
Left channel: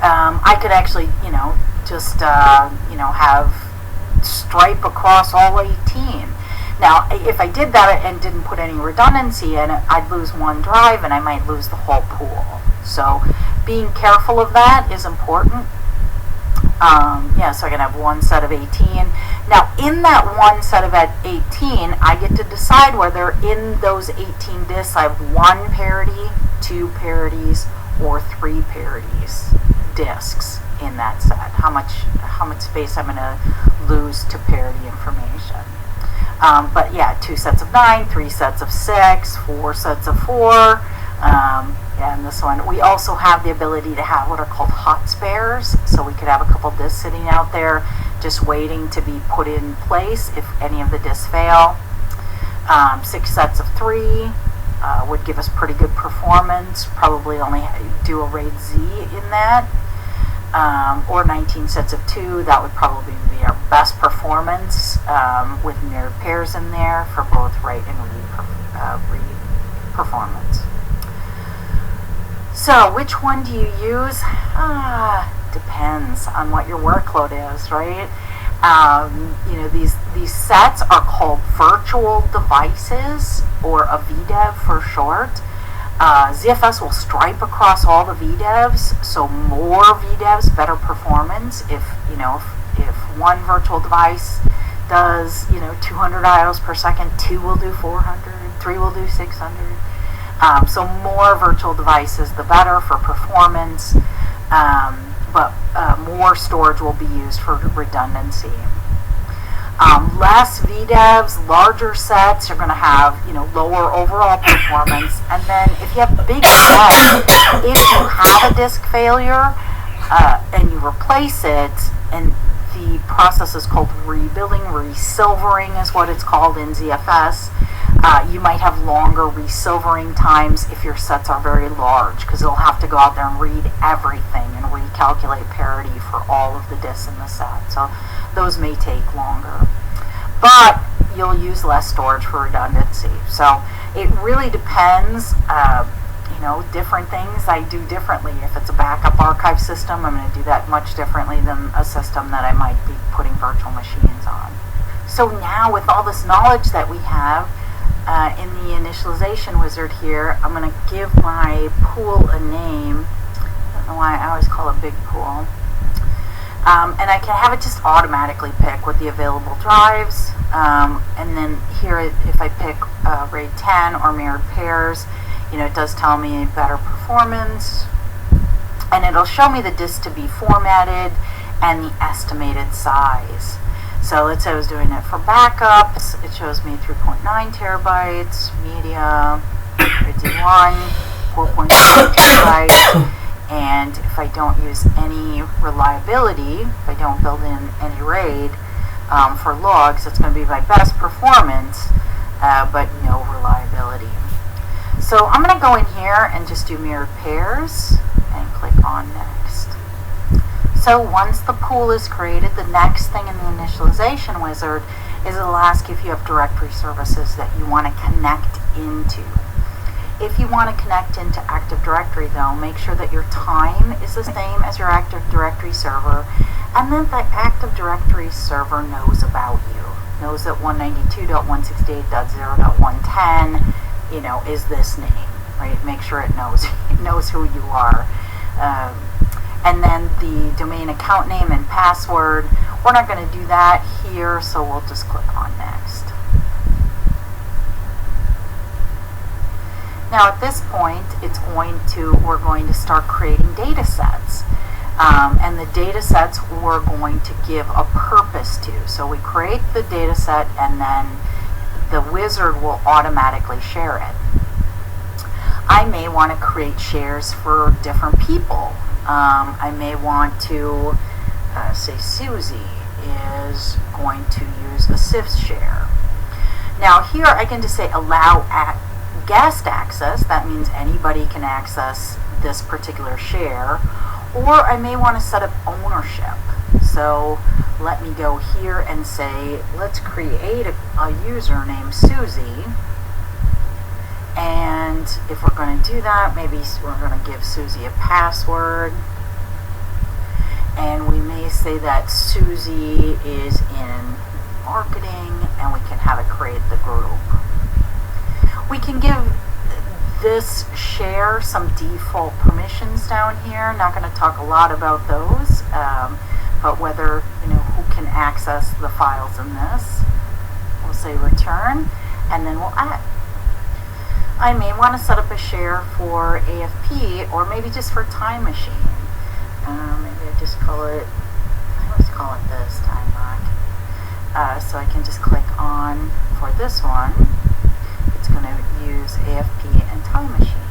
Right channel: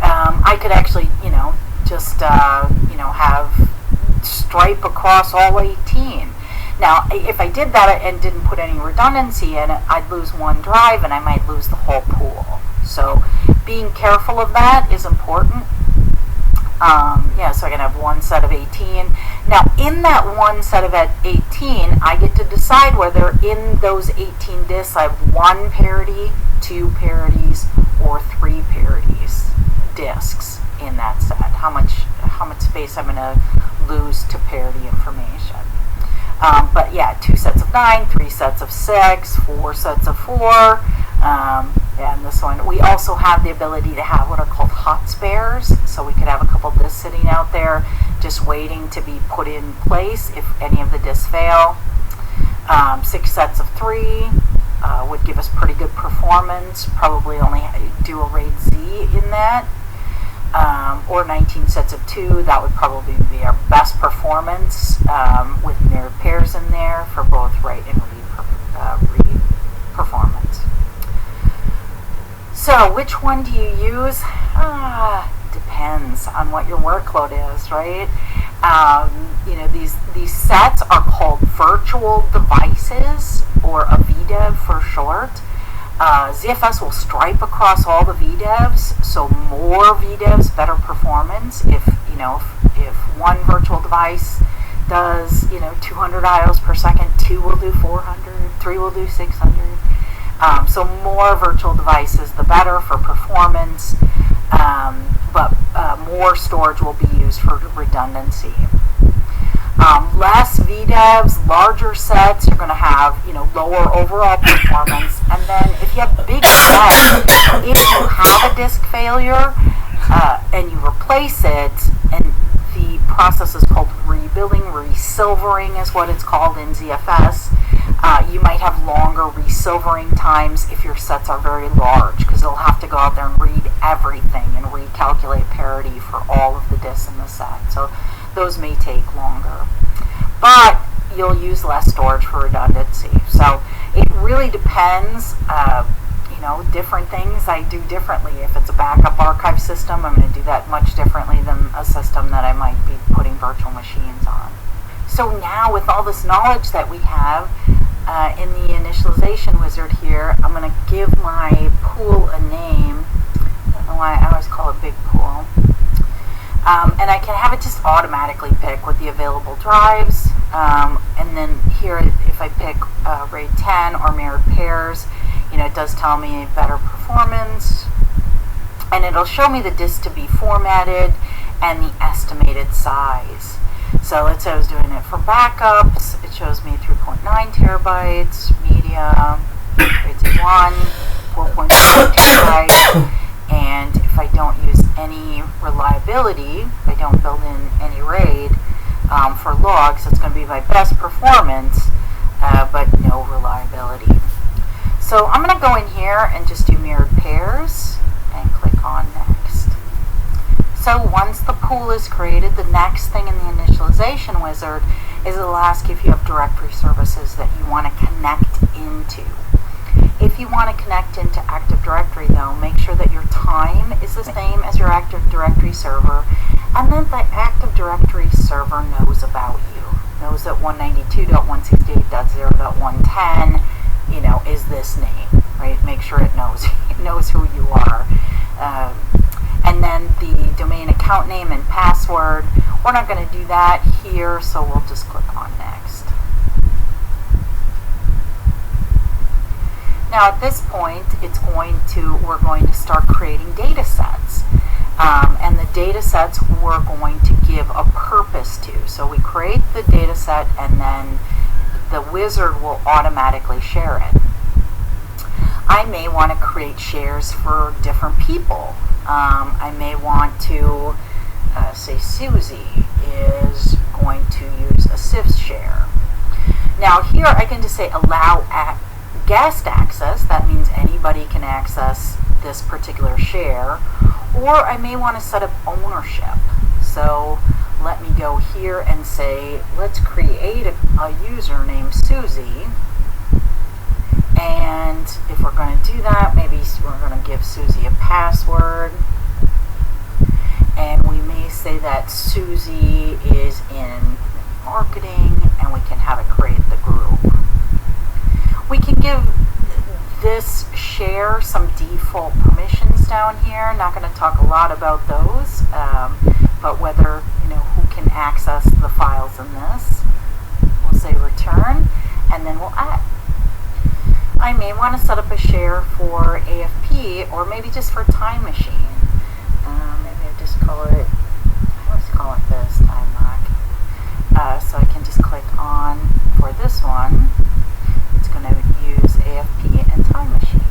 I could actually, just, have stripe across all 18. Now, if I did that and didn't put any redundancy in it, I'd lose one drive and I might lose the whole pool. So being careful of that is important. So I can have one set of 18. Now, in that one set of 18, I get to decide whether in those 18 disks I have 1 parity, 2 parities, or 3 parities disks in that set. How much space I'm going to lose to parity information. But yeah, 2 sets of 9, 3 sets of 6, 4 sets of 4. And this one, we also have the ability to have what are called hot spares. So we could have a couple disks sitting out there just waiting to be put in place if any of the disks fail. 6 sets of 3 would give us pretty good performance. Probably only do a RAID Z in that. Or 19 sets of 2, that would probably be our best performance with mirrored pairs in there for both write and read performance. So which one do you use? Depends on what your workload is, right? These sets are called virtual devices, or a VDEV for short. ZFS will stripe across all the VDEVs, so more VDEVs, better performance. If one virtual device does 200 IOs per second, 2 will do 400, 3 will do 600. So more virtual devices, the better for performance, but more storage will be used for redundancy. Less VDEVs, larger sets are going to have lower overall performance. And then if you have big sets, if you have a disk failure and you replace it, and the process is called rebuilding, resilvering is what it's called in ZFS. You might have longer resilvering times if your sets are very large, because they'll have to go out there and read everything and recalculate parity for all of the disks in the set. So those may take longer. But you'll use less storage for redundancy. So it really depends. Different things I do differently. If it's a backup archive system, I'm going to do that much differently than a system that I might be putting virtual machines on. So now, with all this knowledge that we have in the initialization wizard here, I'm going to give my pool a name. I don't know why I always call it big pool. And I can have it just automatically pick with the available drives. And then here, if I pick RAID 10 or mirrored pairs, it does tell me better performance. And it'll show me the disk to be formatted and the estimated size. So let's say I was doing it for backups. It shows me 3.9 terabytes, media, RAID 1, 4.5 terabytes. And if I don't use any reliability, if I don't build in any RAID for logs, it's going to be my best performance, but no reliability. So I'm going to go in here and just do mirrored pairs and click on next. So once the pool is created, the next thing in the initialization wizard is it'll ask if you have directory services that you want to connect into. If you want to connect into Active Directory, though, make sure that your time is the same as your Active Directory server, and then the Active Directory server knows about you, knows that 192.168.0.110, is this name, right? Make sure it knows who you are. And then the domain account name and password, we're not going to do that here, so we'll just click on next. Now at this point, we're going to start creating data sets. And the data sets we're going to give a purpose to. So we create the data set and then the wizard will automatically share it. I may want to create shares for different people. I may want to say Susie is going to use a SIFS share. Now here I can just say allow guest access. That means anybody can access this particular share. Or I may want to set up ownership. So let me go here and say, let's create a user named Susie. And if we're going to do that, maybe we're going to give Susie a password. And we may say that Susie is in marketing, and we can have it create the group. We can give this share some default permissions down here. Not going to talk a lot about those, but whether, who can access the files in this. We'll say return, and then we'll add. I may want to set up a share for AFP, or maybe just for Time Machine. Maybe I just call it, I always call it this, Time Lock. So I can just click on, for this one, it's going to use AFP and Time Machine.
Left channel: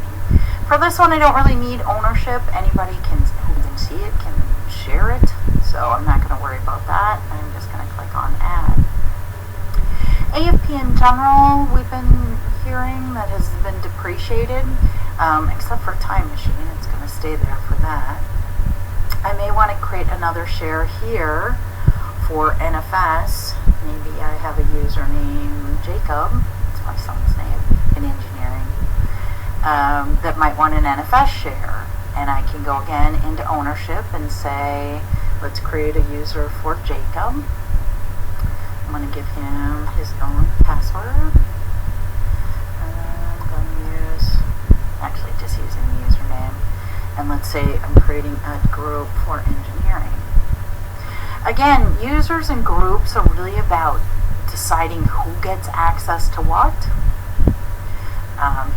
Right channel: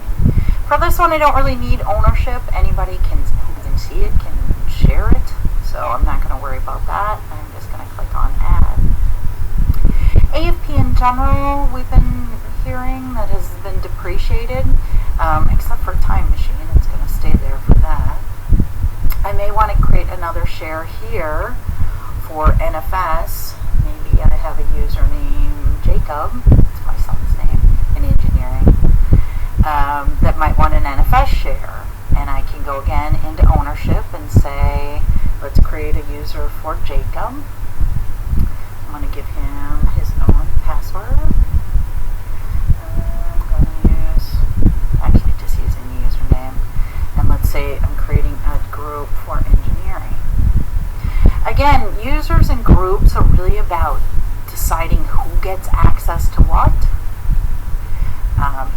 For this one, I don't really need ownership. Anybody who can see it can share it, so I'm not going to worry about that. I'm just going to click on Add. AFP in general, we've been hearing that has been depreciated, except for Time Machine. It's going to stay there for that. I may want to create another share here for NFS. Maybe I have a user named Jacob. It's my son's name in engineering. That might want an NFS share. And I can go again into ownership and say, let's create a user for Jacob. I'm going to give him his own password. I'm going to just using the username. And let's say I'm creating a group for engineering. Again, users and groups are really about deciding who gets access to what.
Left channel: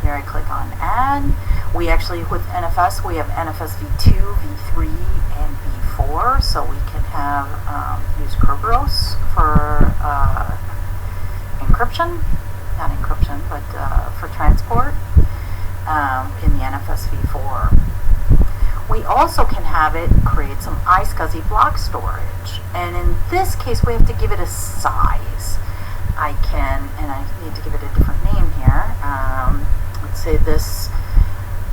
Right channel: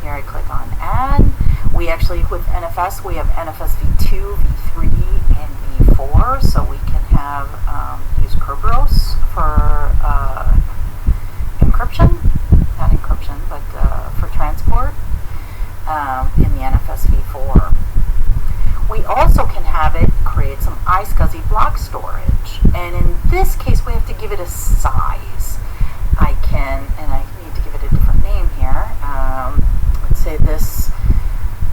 Here I click on Add. We actually, with NFS, we have NFS v2, v3, and v4, so we can have use Kerberos for encryption, not encryption, but for transport in the NFS v4. We also can have it create some iSCSI block storage, and in this case we have to give it a size. I need to give it a different name here. Let's say this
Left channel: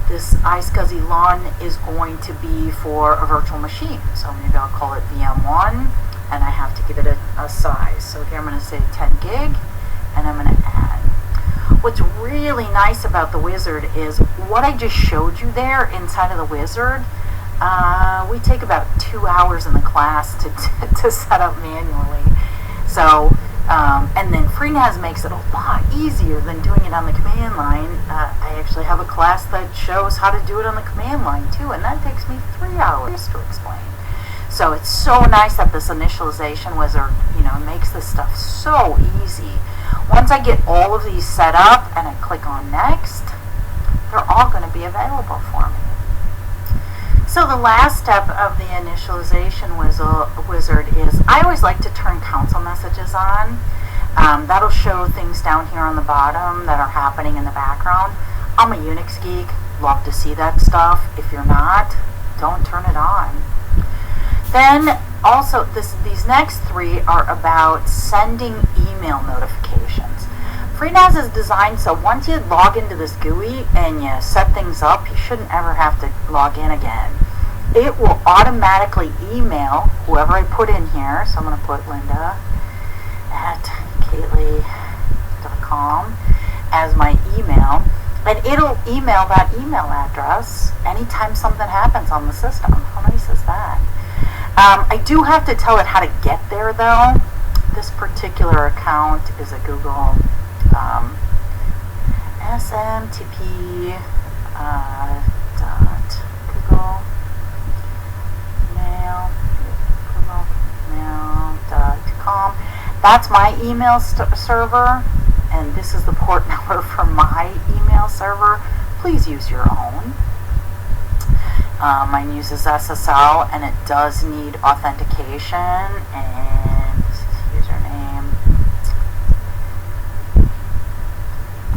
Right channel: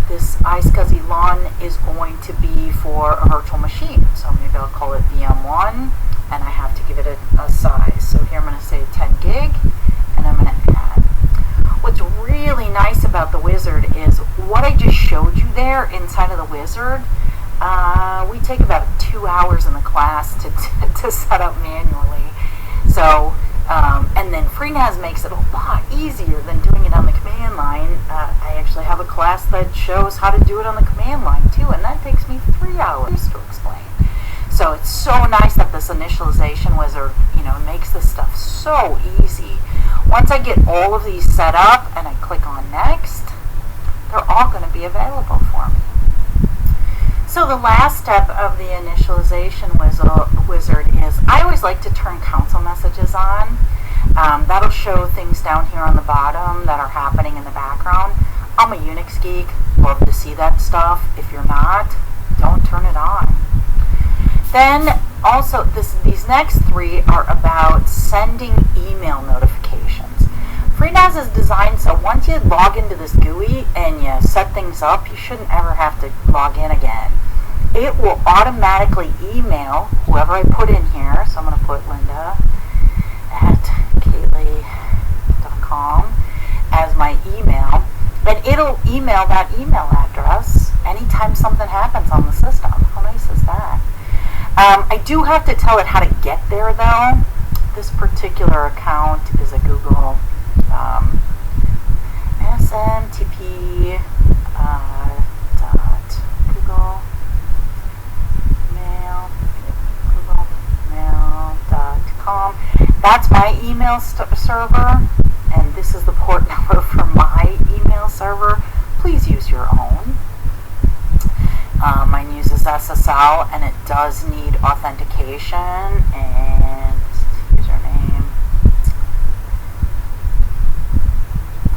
iSCSI LUN is going to be for a virtual machine, so maybe I'll call it VM1, and I have to give it a size. So here I'm going to say 10 gig, and I'm going to add. What's really nice about the wizard is what I just showed you there inside of the wizard. We take about 2 hours in the class to set up manually. So, and then FreeNAS makes it a lot easier than doing it on the command line. I actually have a class that shows how to do it on the command line too, and that takes me 3 hours to explain. So it's so nice that this initialization wizard, makes this stuff so easy. Once I get all of these set up and I click on Next, they're all going to be available for me. So the last step of the initialization wizard is, I always like to turn console messages on. That'll show things down here on the bottom that are happening in the background. I'm a Unix geek, love to see that stuff. If you're not, don't turn it on. Then also, these next three are about sending email notifications. FreeNAS is designed so once you log into this GUI and you set things up, you shouldn't ever have to log in again. It will automatically email whoever I put in here. So I'm going to put Linda at Kateley.com as my email. And it'll email that email address anytime something happens on the system. How nice is that? I do have to tell it how to get there though. This particular account is a Google SMTP googlemail.com. That's my email server, and this is the port number for my email server. please use your own. Mine uses SSL, and it does need authentication and username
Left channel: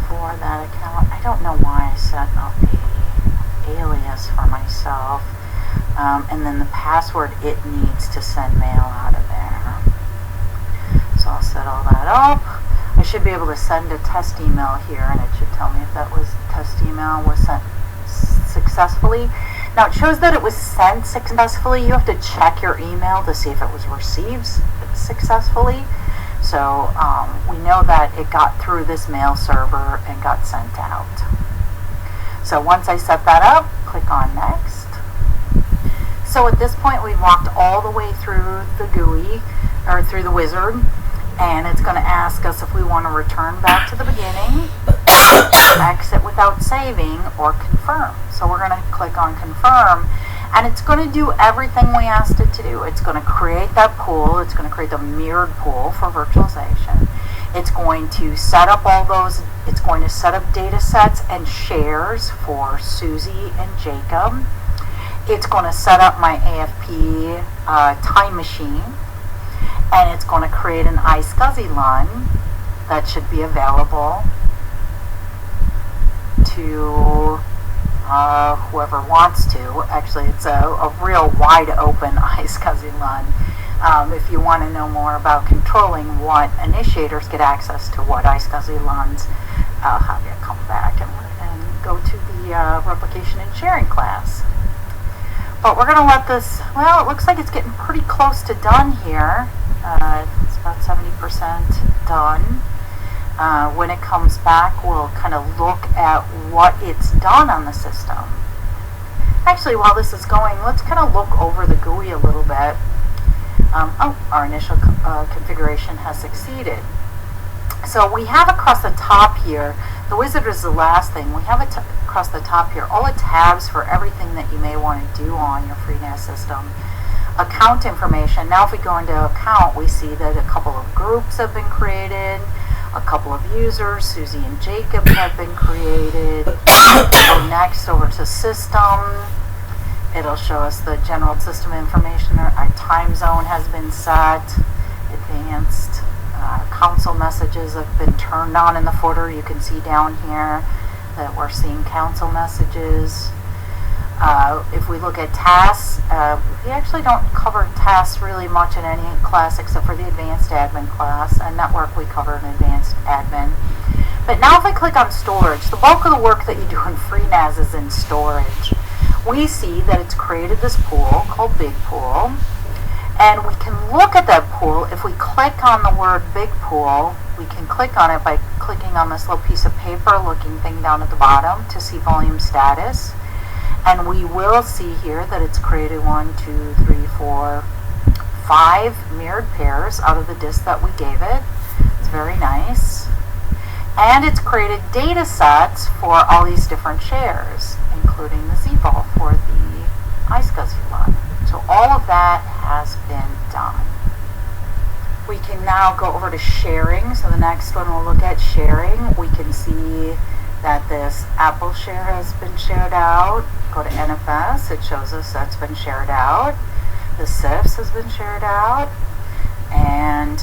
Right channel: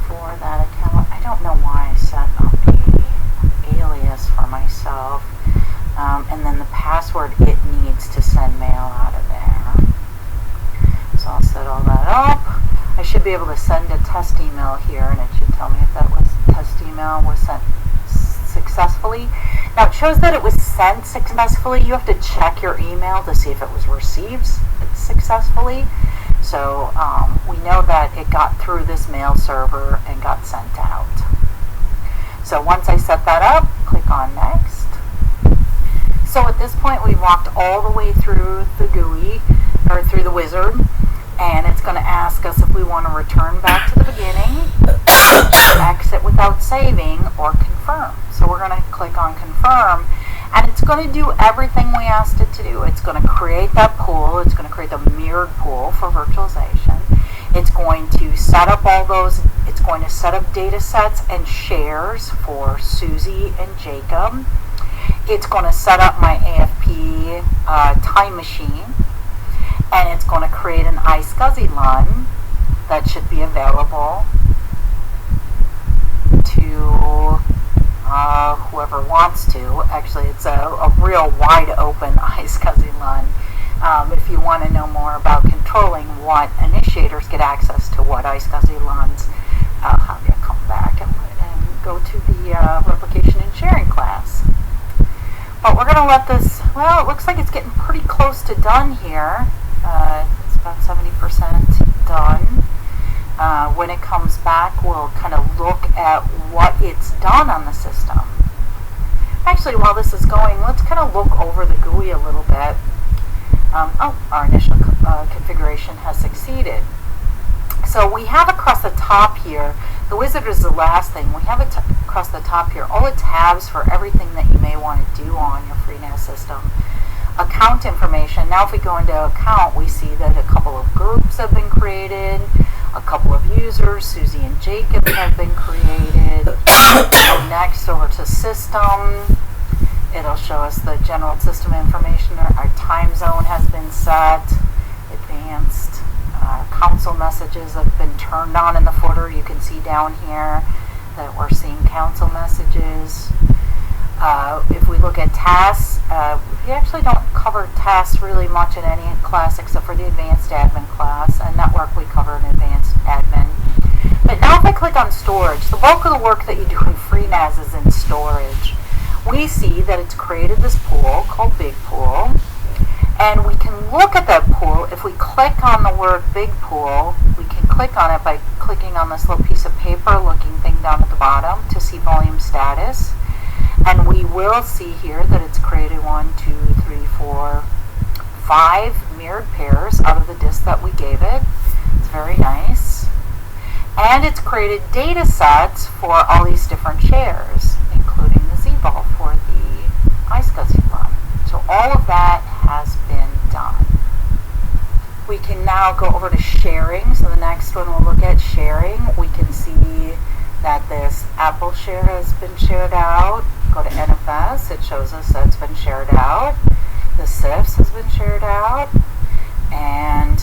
for that account. I don't know why I set up a alias for myself. And then the password, it needs to send mail out of there. So I'll set all that up. I should be able to send a test email here, and it should tell me if that test email was sent successfully. Now it shows that it was sent successfully. You have to check your email to see if it was received successfully. So we know that it got through this mail server and got sent out. So once I set that up, click on next. So at this point, we walked all the way through the GUI, or through the wizard, and it's going to ask us if we want to return back to the beginning, exit without saving, or confirm. So we're going to click on confirm, and it's going to do everything we asked it to do. It's going to create that pool. It's going to create the mirrored pool for virtualization. It's going to set up all those. It's going to set up data sets and shares for Susie and Jacob. It's going to set up my AFP time machine, and it's going to create an iSCSI LUN that should be available to whoever wants to. Actually, it's a real wide open iSCSI LUN. If you want to know more about controlling what initiators get access to what iSCSI LUNs, I'll have you come back and go to the replication and sharing class. But we're going to let this, well, it looks like it's getting pretty close to done here. It's about 70% done. When it comes back, we'll kind of look at what it's done on the system. Actually, while this is going, let's kind of look over the GUI a little bit. Our initial configuration has succeeded. So we have across the top here, the wizard is the last thing. We have it across the top here, all the tabs for everything that you may want to do on your FreeNAS system. Account information. Now if we go into account, we see that a couple of groups have been created, a couple of users, Susie and Jacob, have been created. Go next over to system. It'll show us the general system information. Our time zone has been set, advanced. Council messages have been turned on in the footer. You can see down here that we're seeing council messages. If we look at tasks, we actually don't cover tasks really much in any class except for the advanced admin class, and network we cover in advanced admin. But now if I click on storage, the bulk of the work that you do in FreeNAS is in storage. We see that it's created this pool called Big Pool. And we can look at that pool. If we click on the word Big Pool, we can click on it by clicking on this little piece of paper looking thing down at the bottom to see volume status. And we will see here that it's created 1, 2, 3, 4, 5 mirrored pairs out of the disk that we gave it. It's very nice. And it's created data sets for all these different shares, including the ZVol for the iSCSI LUN. So all of that has been done. We can now go over to sharing. So the next one we'll look at sharing. We can see that this Apple share has been shared out. Go to NFS, it shows us that's been shared out. The CIFS has been shared out. And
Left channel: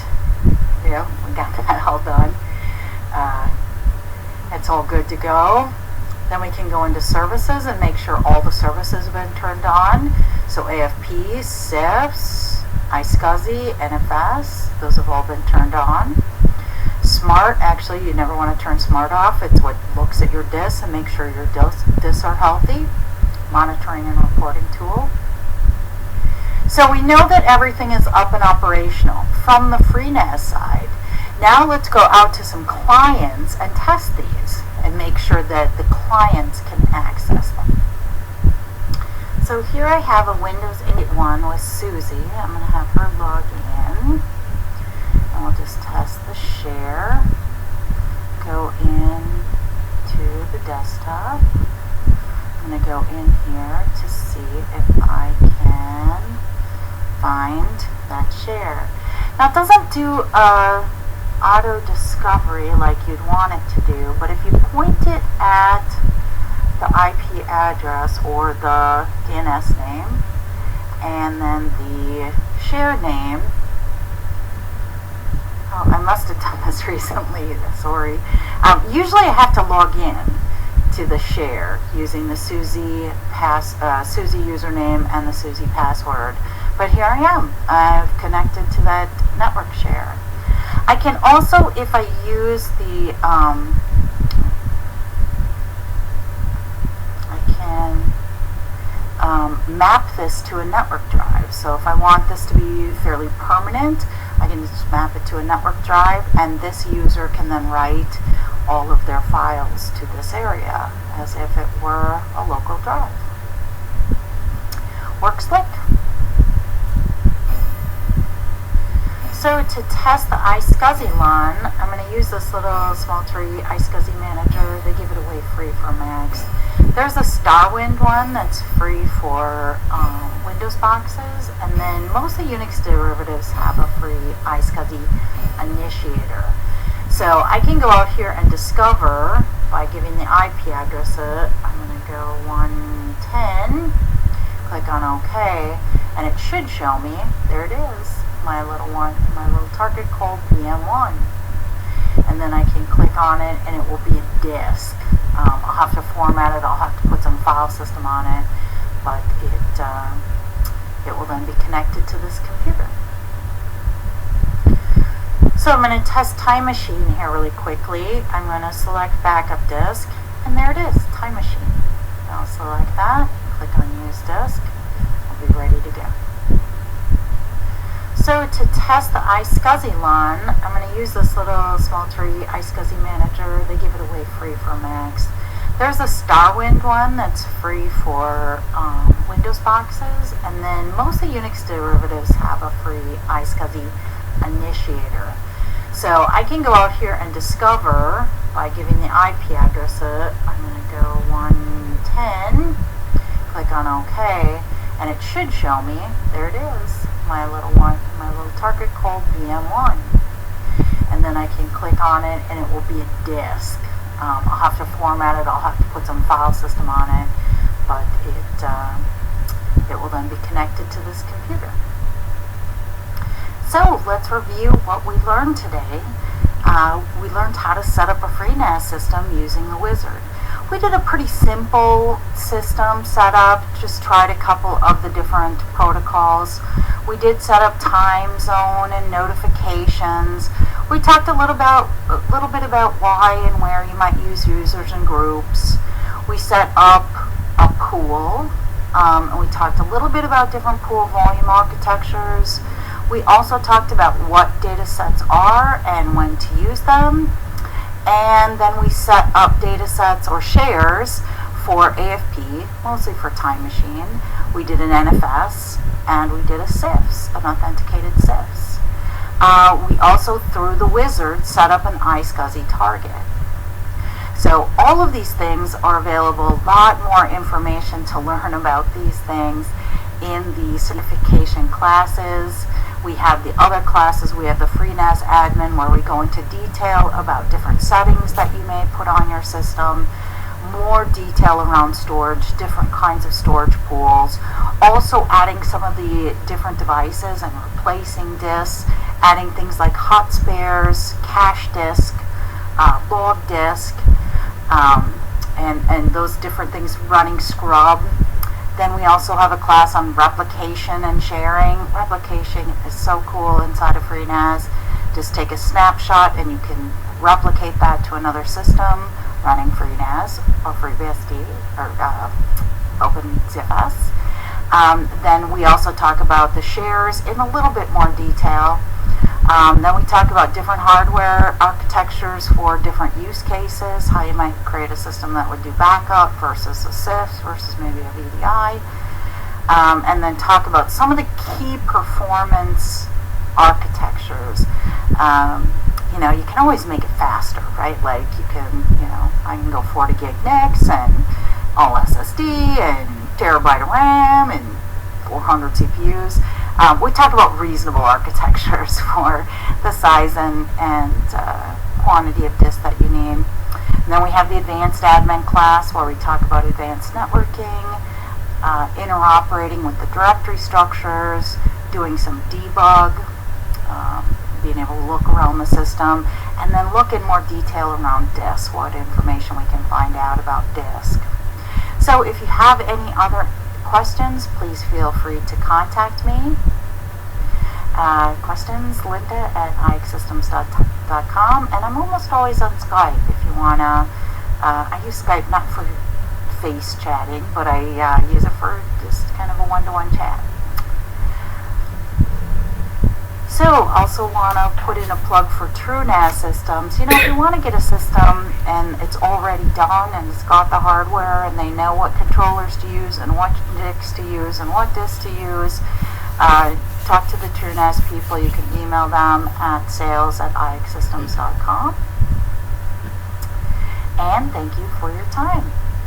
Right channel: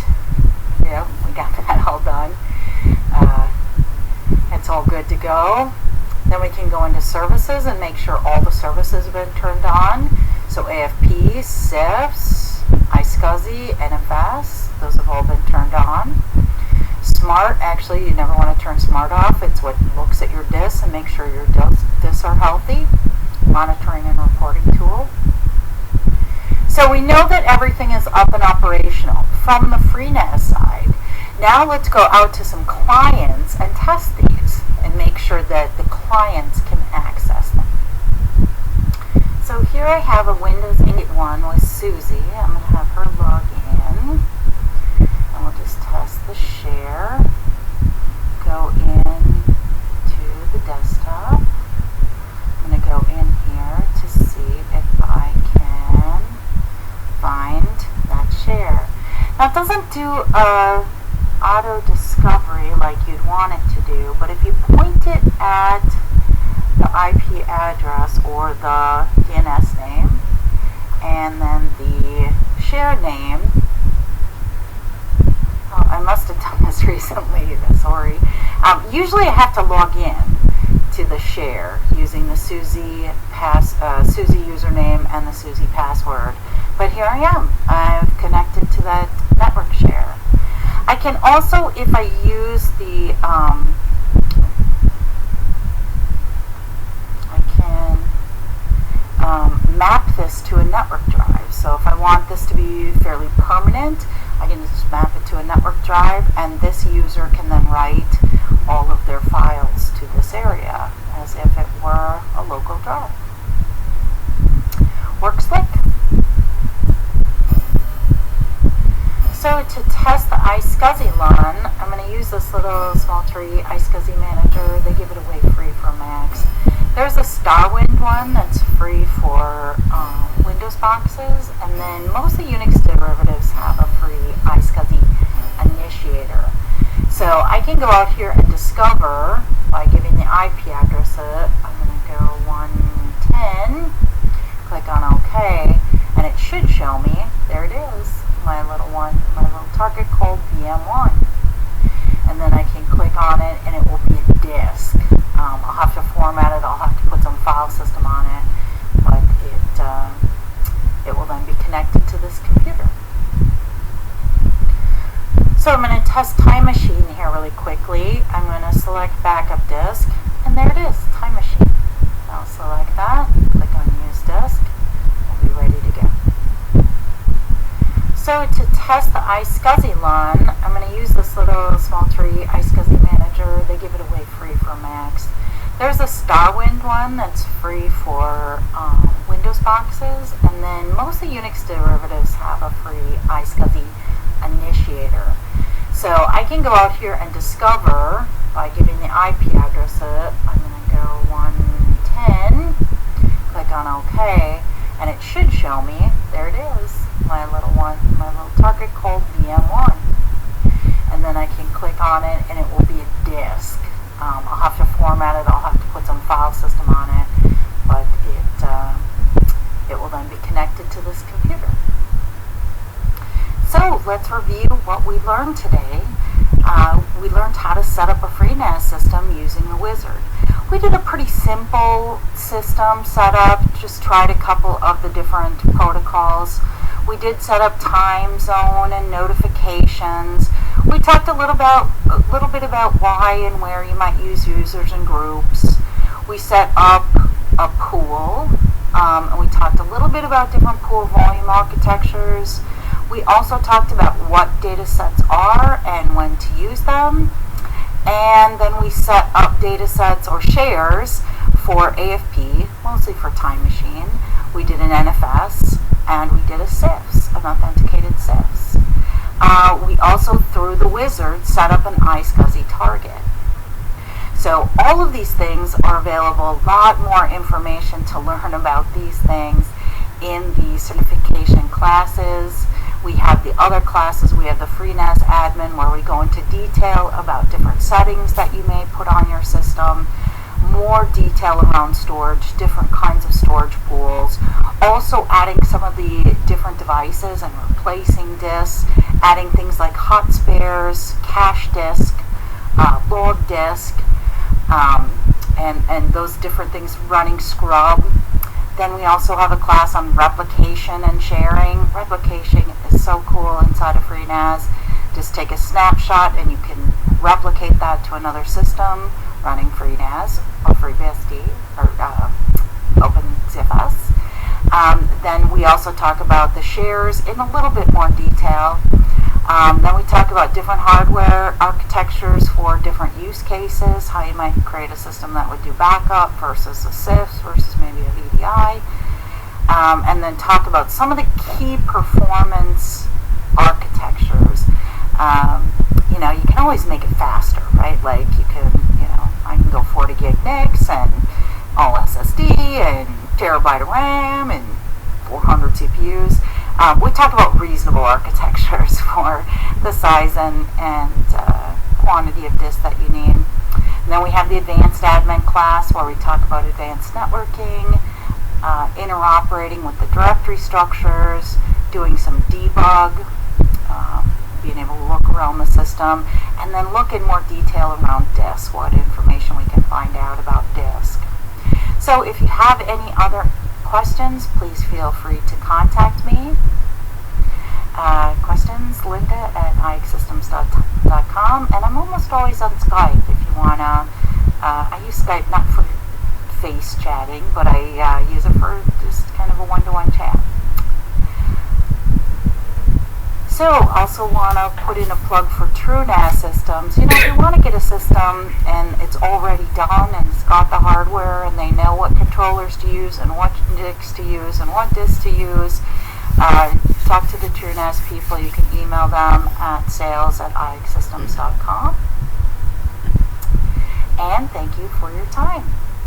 yeah, we got that all done. It's all good to go. Then we can go into services and make sure all the services have been turned on. So AFP, CIFS, iSCSI, NFS, those have all been turned on. Smart, actually, you never want to turn Smart off. It's what looks at your disks and makes sure your disks are healthy. Monitoring and reporting tool. So we know that everything is up and operational from the FreeNAS side. Now let's go out to some clients and test these and make sure that the clients can access them. So here I have a Windows 8 one with Susie. I'm going to have her log in. And we'll just test the share. Go in to the desktop. I'm going to go in here to see if I can find that share. Now it doesn't do auto discovery like you'd want it to do, but if you point it at the IP address or the DNS name, and then the share name. Oh, I must have done this recently, sorry. Usually I have to log in to the share using the Susie username and the Susie password. But here I am. I've connected to that network share. I can also, if I use the, I can map this to a network drive. So if I want this to be fairly permanent, I can just map it to a network drive, and this user can then write all of their files to this area as if it were a local drive. Works slick. So to test the iSCSI LUN, I'm going to use this little small tree iSCSI manager. They give it away free for Macs. There's a Starwind one that's free for Windows boxes, and then most of the Unix derivatives have a free iSCSI initiator. So I can go out here and discover by giving the IP address. I'm going to go 110, click on OK, and it should show me, there it is, my little target called VM1. And then I can click on it and it will be a disk. I'll have to format it, I'll have to put some file system on it, but it will then be connected to this computer. So I'm going to test Time Machine here really quickly. I'm going to select Backup Disk, and there it is, Time Machine. I'll select that, click on Use Disk, we'll be ready to go. So to test the iSCSI LUN, I'm going to use this little small tree iSCSI manager. They give it away free for Macs. There's a Starwind one that's free for Windows boxes, and then most of the Unix derivatives have a free iSCSI initiator. So I can go out here and discover by giving the IP address. I'm going to go 110, click on OK, and it should show me, there it is, my little target called VM1. And then I can click on it and it will be a disk. I'll have to format it, I'll have to put some file system on it, but it will then be connected to this computer. So let's review what we learned today. We learned how to set up a FreeNAS system using the wizard. We did a pretty simple system setup, just tried a couple of the different protocols. We did set up time zone and notifications. We talked a little bit about why and where you might use users and groups. We set up a pool, and we talked a little bit about different pool volume architectures. We also talked about what data sets are and when to use them. And then we set up data sets or shares for AFP, mostly for Time Machine. We did an NFS, and we did a CIFS, an authenticated CIFS. We also, through the wizard, set up an iSCSI target. So all of these things are available, a lot more information to learn about these things in the certification classes. We have the other classes. We have the FreeNAS admin, where we go into detail about different settings that you may put on your system, more detail around storage, different kinds of storage pools, also adding some of the different devices and replacing disks, adding things like hot spares, cache disk, log disk, and those different things, running scrub. Then we also have a class on replication and sharing. Replication is so cool inside of FreeNAS. Just take a snapshot and you can replicate that to another system running FreeNAS or FreeBSD or OpenZFS. Then we also talk about the shares in a little bit more detail. Then we talk about different hardware architectures for different use cases, how you might create a system that would do backup versus a CIFS versus maybe a VDI. And then talk about some of the key performance architectures. You can always make it faster, right? Like you can, I can go 40 gig NICs and all SSD and terabyte of RAM and 400 CPUs. We talk about reasonable architectures for the size and quantity of disk that you need. And then we have the advanced admin class where we talk about advanced networking, interoperating with the directory structures, doing some debug, being able to look around the system, and then look in more detail around disk, what information we can find out about disk. So if you have any other questions, please feel free to contact me. Questions, Linda at ixsystems.com, and I'm almost always on Skype if you want to. I use Skype not for face chatting, but I use it for just kind of a one-to-one chat. So, also want to put in a plug for FreeNAS systems. If you want to get a system and it's already done and it's got the hardware and they know what controllers to use and what NICs to use and what disks to use, talk to the FreeNAS people. You can email them at sales@ixsystems.com. And thank you for your time.